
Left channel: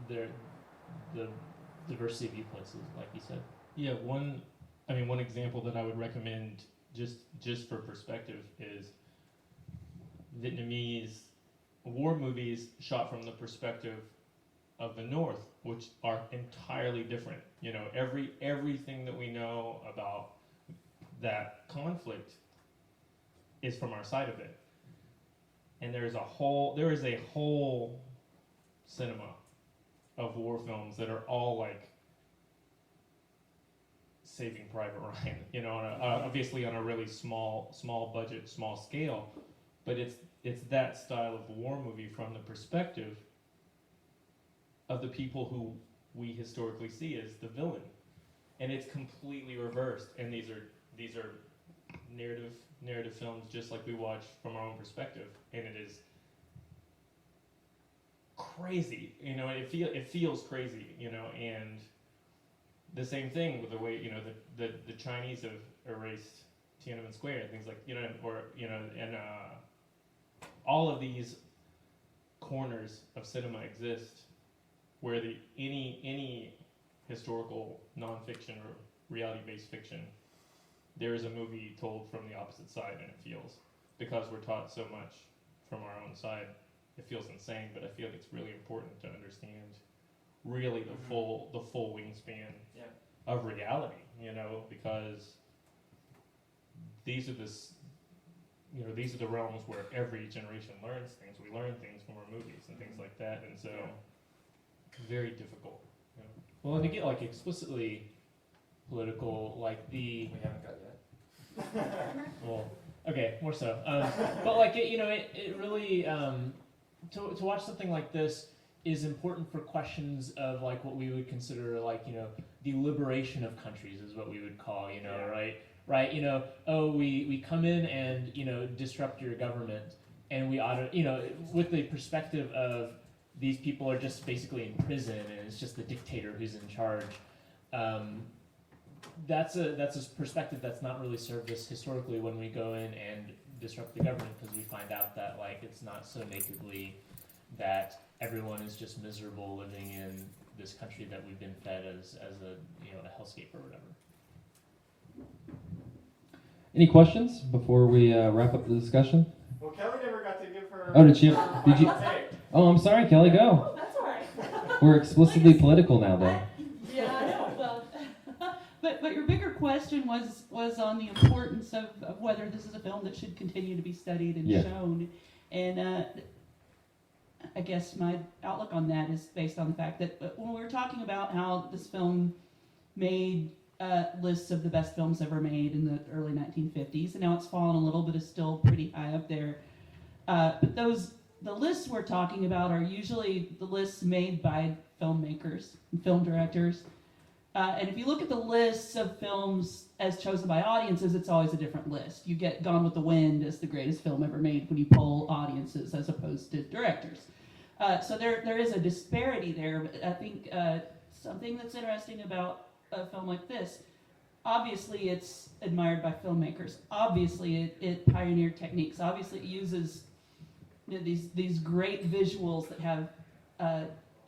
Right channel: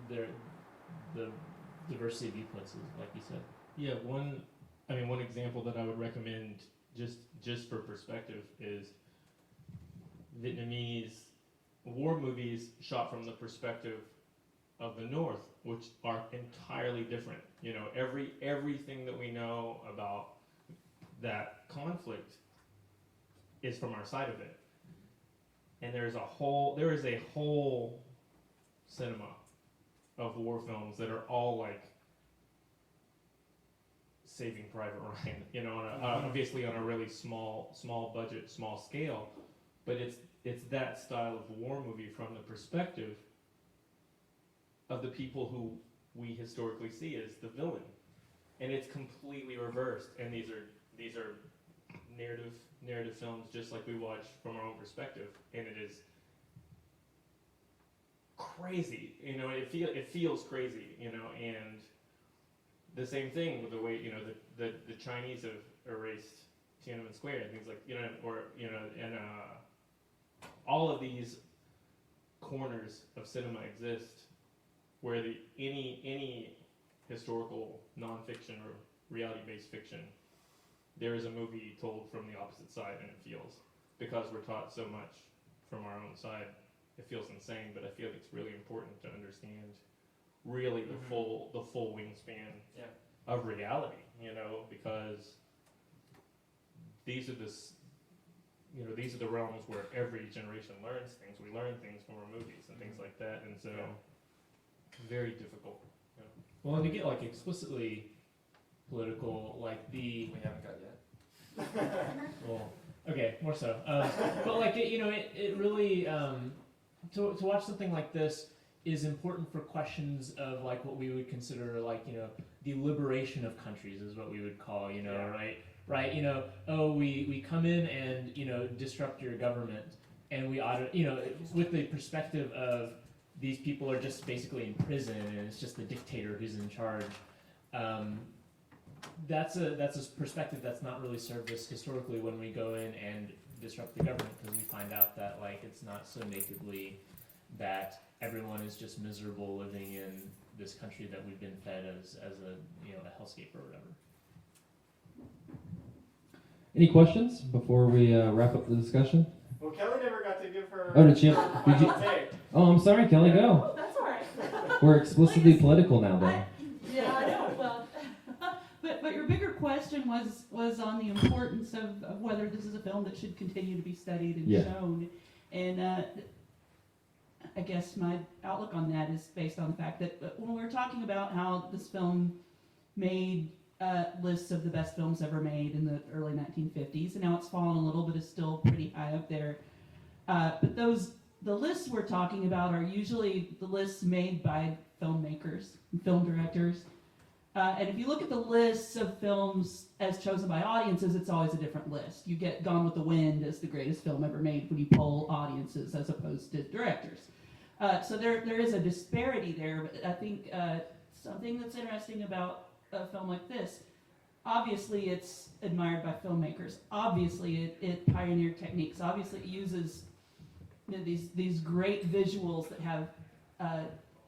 the diversity of viewpoints is like you said. Yeah, one example that I would recommend just for perspective is Vietnamese war movies shot from the perspective of the North, which are entirely different. Everything that we know about that conflict is from our side of it. And there is a whole cinema of war films that are all like Saving Private Ryan, obviously on a really small budget, small scale, but it's that style of war movie from the perspective of the people who we historically see as the villain, and it's completely reversed. And these are narrative films, just like we watch from our own perspective, and it is crazy. It feels crazy, and the same thing with the way the Chinese have erased Tiananmen Square and things like and all of these corners of cinema exist where any historical nonfiction or reality-based fiction, there is a movie told from the opposite side, and it feels, because we're taught so much from our own side, it feels insane. But I feel like it's really important to understand really the full wingspan of reality, because these are the realms where every generation learns things. We learn things from our movies and things like that, and so very difficult. Well, and to get like explicitly political, like We haven't got yet. well, okay, more so. But like it really to watch something like this is important for questions of like what we would consider like the liberation of countries is what we would call right we come in and disrupt your government, and we ought to with the perspective of these people are just basically in prison and it's just the dictator who's in charge. That's a perspective that's not really served us historically when we go in and disrupt the government, because we find out that like it's not so nakedly that everyone is just miserable living in this country that we've been fed as a a hellscape or whatever. Any questions before we wrap up the discussion? Well, Kelly never got to give her. Oh, did you? Did you? Take. Oh, I'm sorry, Kelly. Go. Oh, that's all right. We're explicitly political now, though. Yeah, I know. Well, but your bigger question was on the importance of whether this is a film that should continue to be studied and shown. And I guess my outlook on that is based on the fact that when we were talking about how this film made lists of the best films ever made in the early 1950s, and now it's fallen a little, but is still pretty high up there. But the lists we're talking about are usually the lists made by filmmakers and film directors. And if you look at the lists of films as chosen by audiences, it's always a different list. You get Gone with the Wind as the greatest film ever made when you poll audiences as opposed to directors. So there is a disparity there, but I think something that's interesting about a film like this, obviously it's admired by filmmakers. Obviously it pioneered techniques. Obviously it uses these great visuals that have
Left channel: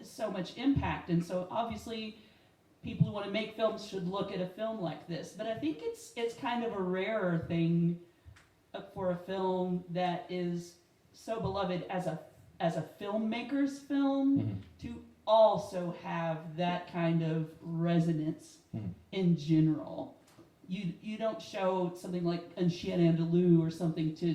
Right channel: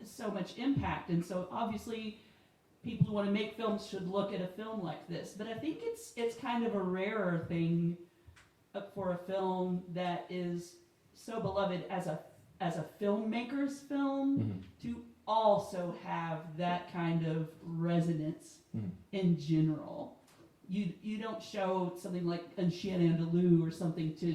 so much impact. And so obviously people who want to make films should look at a film like this. But I think it's kind of a rarer thing for a film that is so beloved as a filmmaker's film to also have that kind of resonance in general. You don't show something like Un Chien Andalou or something to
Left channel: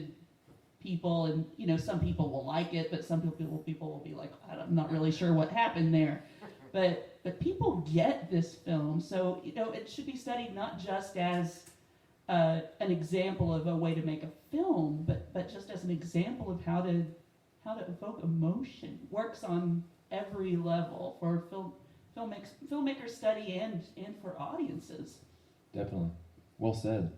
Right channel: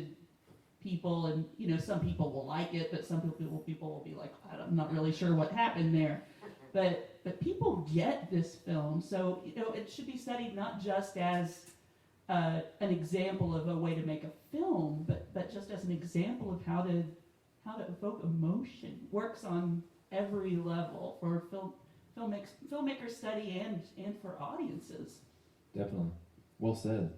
people, and some people will like it, but some people will be like, I'm not really sure what happened there. But people get this film, so it should be studied not just as an example of a way to make a film, but just as an example of how to evoke emotion. Works on every level for filmmakers study and for audiences. Definitely. Well said.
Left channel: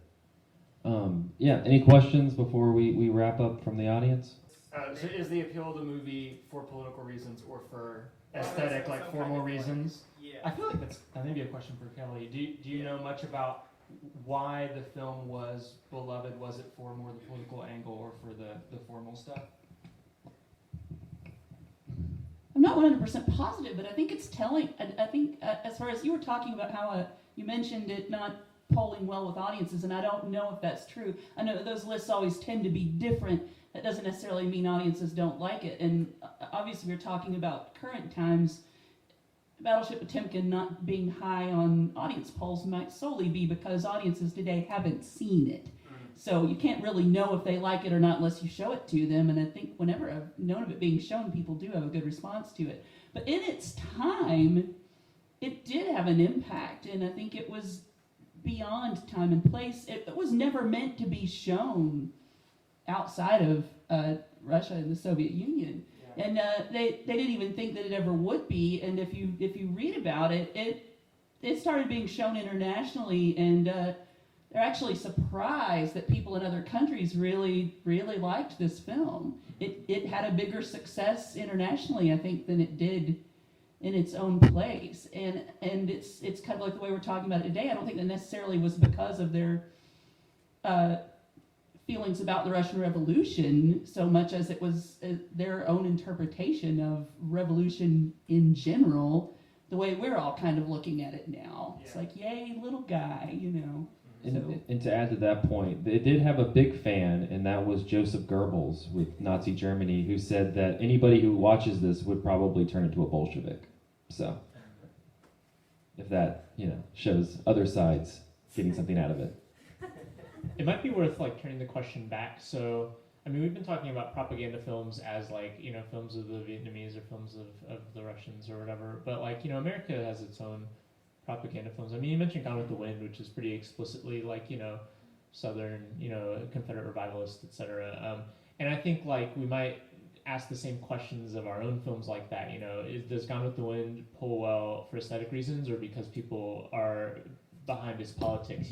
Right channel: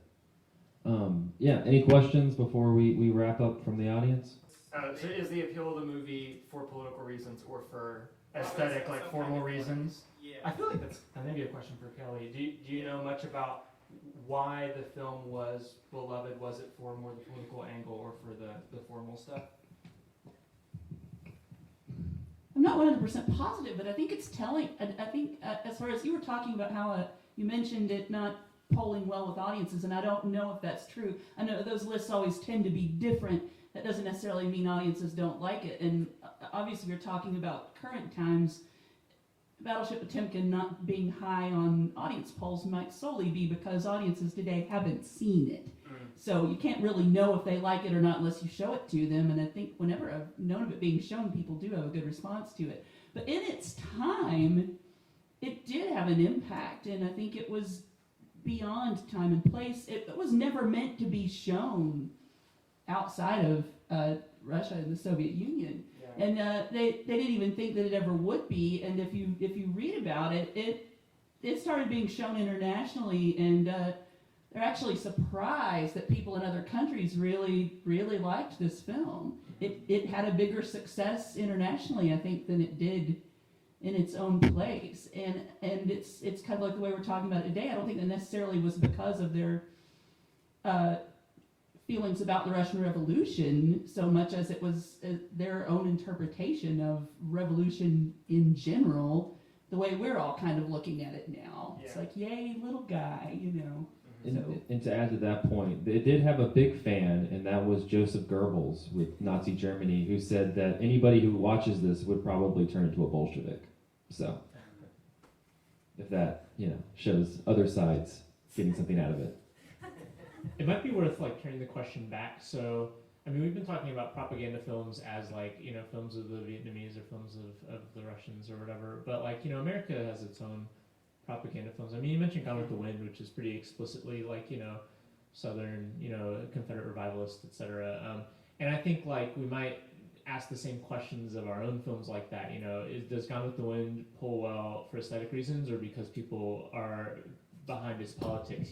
Any questions before we wrap up from the audience? So is the appeal of the movie for political reasons or for aesthetic, like formal reasons? Yeah. I feel like that's maybe a question for Kelly. Do you know much about why the film was beloved? Was it for more the political angle or for the formal stuff? I'm not 100% positive, but I think it's telling. And I think as far as you were talking about how you mentioned it not polling well with audiences, and I don't know if that's true. I know those lists always tend to be different. That doesn't necessarily mean audiences don't like it. And obviously we're talking about current times. Battleship Potemkin not being high on audience polls might solely be because audiences today haven't seen it. So you can't really know if they like it or not unless you show it to them. And I think whenever I've known of it being shown, people do have a good response to it. But in its time, it did have an impact, and I think it was beyond time and place. It was never meant to be shown outside of Russia and the Soviet Union. Yeah. And they didn't even think that it ever would be. And if you read about it, it started being shown internationally, and they're actually surprised that people in other countries really, really liked this film. It had a bigger success internationally, I think, than it did in its own place. And it's kind of like the way we're talking about it today. I don't think that necessarily was because of their feelings about the Russian Revolution so much as it was their own interpretation of revolution in general, the way we're all kind of looking at it now. Yeah. It's like, yay, little guy, And to add to that point, it did have a big fan, and that was Joseph Goebbels with Nazi Germany, who said that anybody who watches this would probably turn into a Bolshevik. So, if that, shows other sides getting something out of it. It might be worth turning the question back. So, we've been talking about propaganda films as films of the Vietnamese or films of the Russians or whatever. But America has its own propaganda films. You mentioned Gone with the Wind, which is pretty explicitly Southern, Confederate revivalist, etc. And I think we might ask the same questions of our own films like that. Does Gone with the Wind pull well for aesthetic reasons, or because people are behind its politics?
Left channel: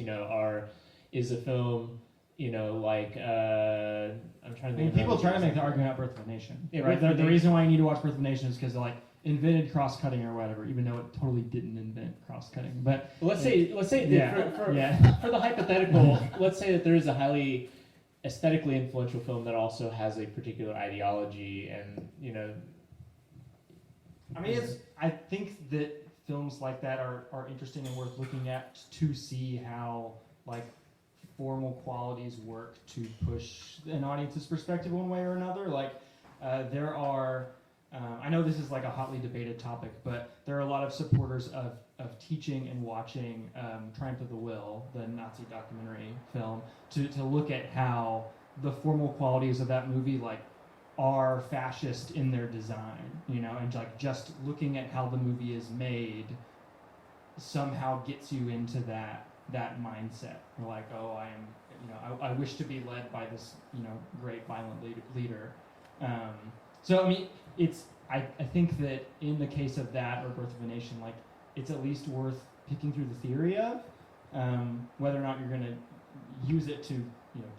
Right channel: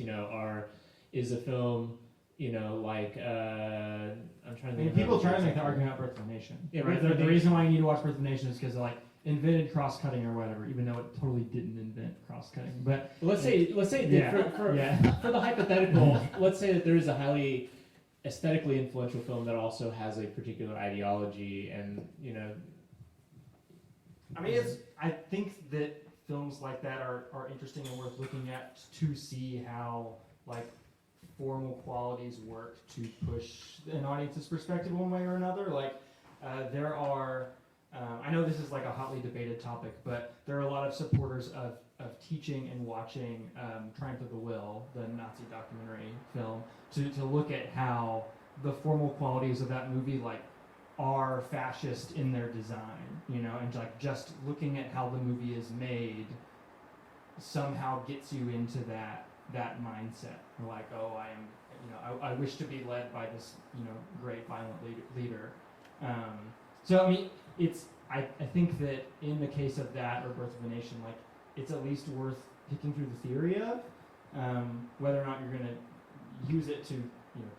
Is a film like I'm trying to think. People try to make the argument about Birth of a Nation. Yeah, right? Birth of a The reason why you need to watch Birth of a Nation is because it invented cross-cutting or whatever, even though it totally didn't invent cross-cutting. But let's say for the hypothetical, let's say that there is a highly aesthetically influential film that also has a particular ideology, and I think that films like that are interesting and worth looking at to see how formal qualities work to push an audience's perspective one way or another. There are, I know this is a hotly debated topic, but there are a lot of supporters of teaching and watching Triumph of the Will, the Nazi documentary film, to look at how the formal qualities of that movie are fascist in their design, and just looking at how the movie is made somehow gets you into that mindset. I wish to be led by this, great violent leader. I think that in the case of that or Birth of a Nation, it's at least worth picking through the theory of. Whether or not you're going to use it to,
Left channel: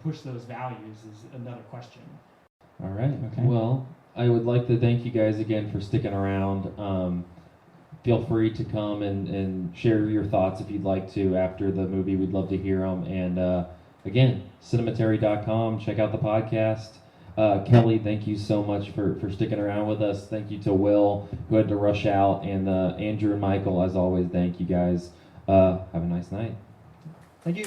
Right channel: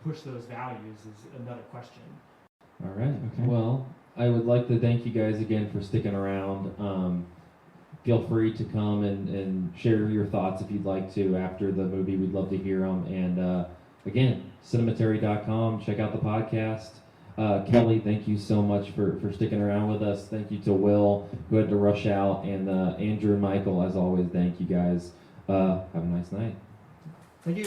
push those values is another question. All right. Okay. Well, I would like to thank you guys again for sticking around. Feel free to come and share your thoughts if you'd like to after the movie. We'd love to hear them. And again, cinematary.com. Check out the podcast. Kelly, thank you so much for sticking around with us. Thank you to Will, who had to rush out. And Andrew and Michael, as always, thank you guys. Have a nice night. Thank you.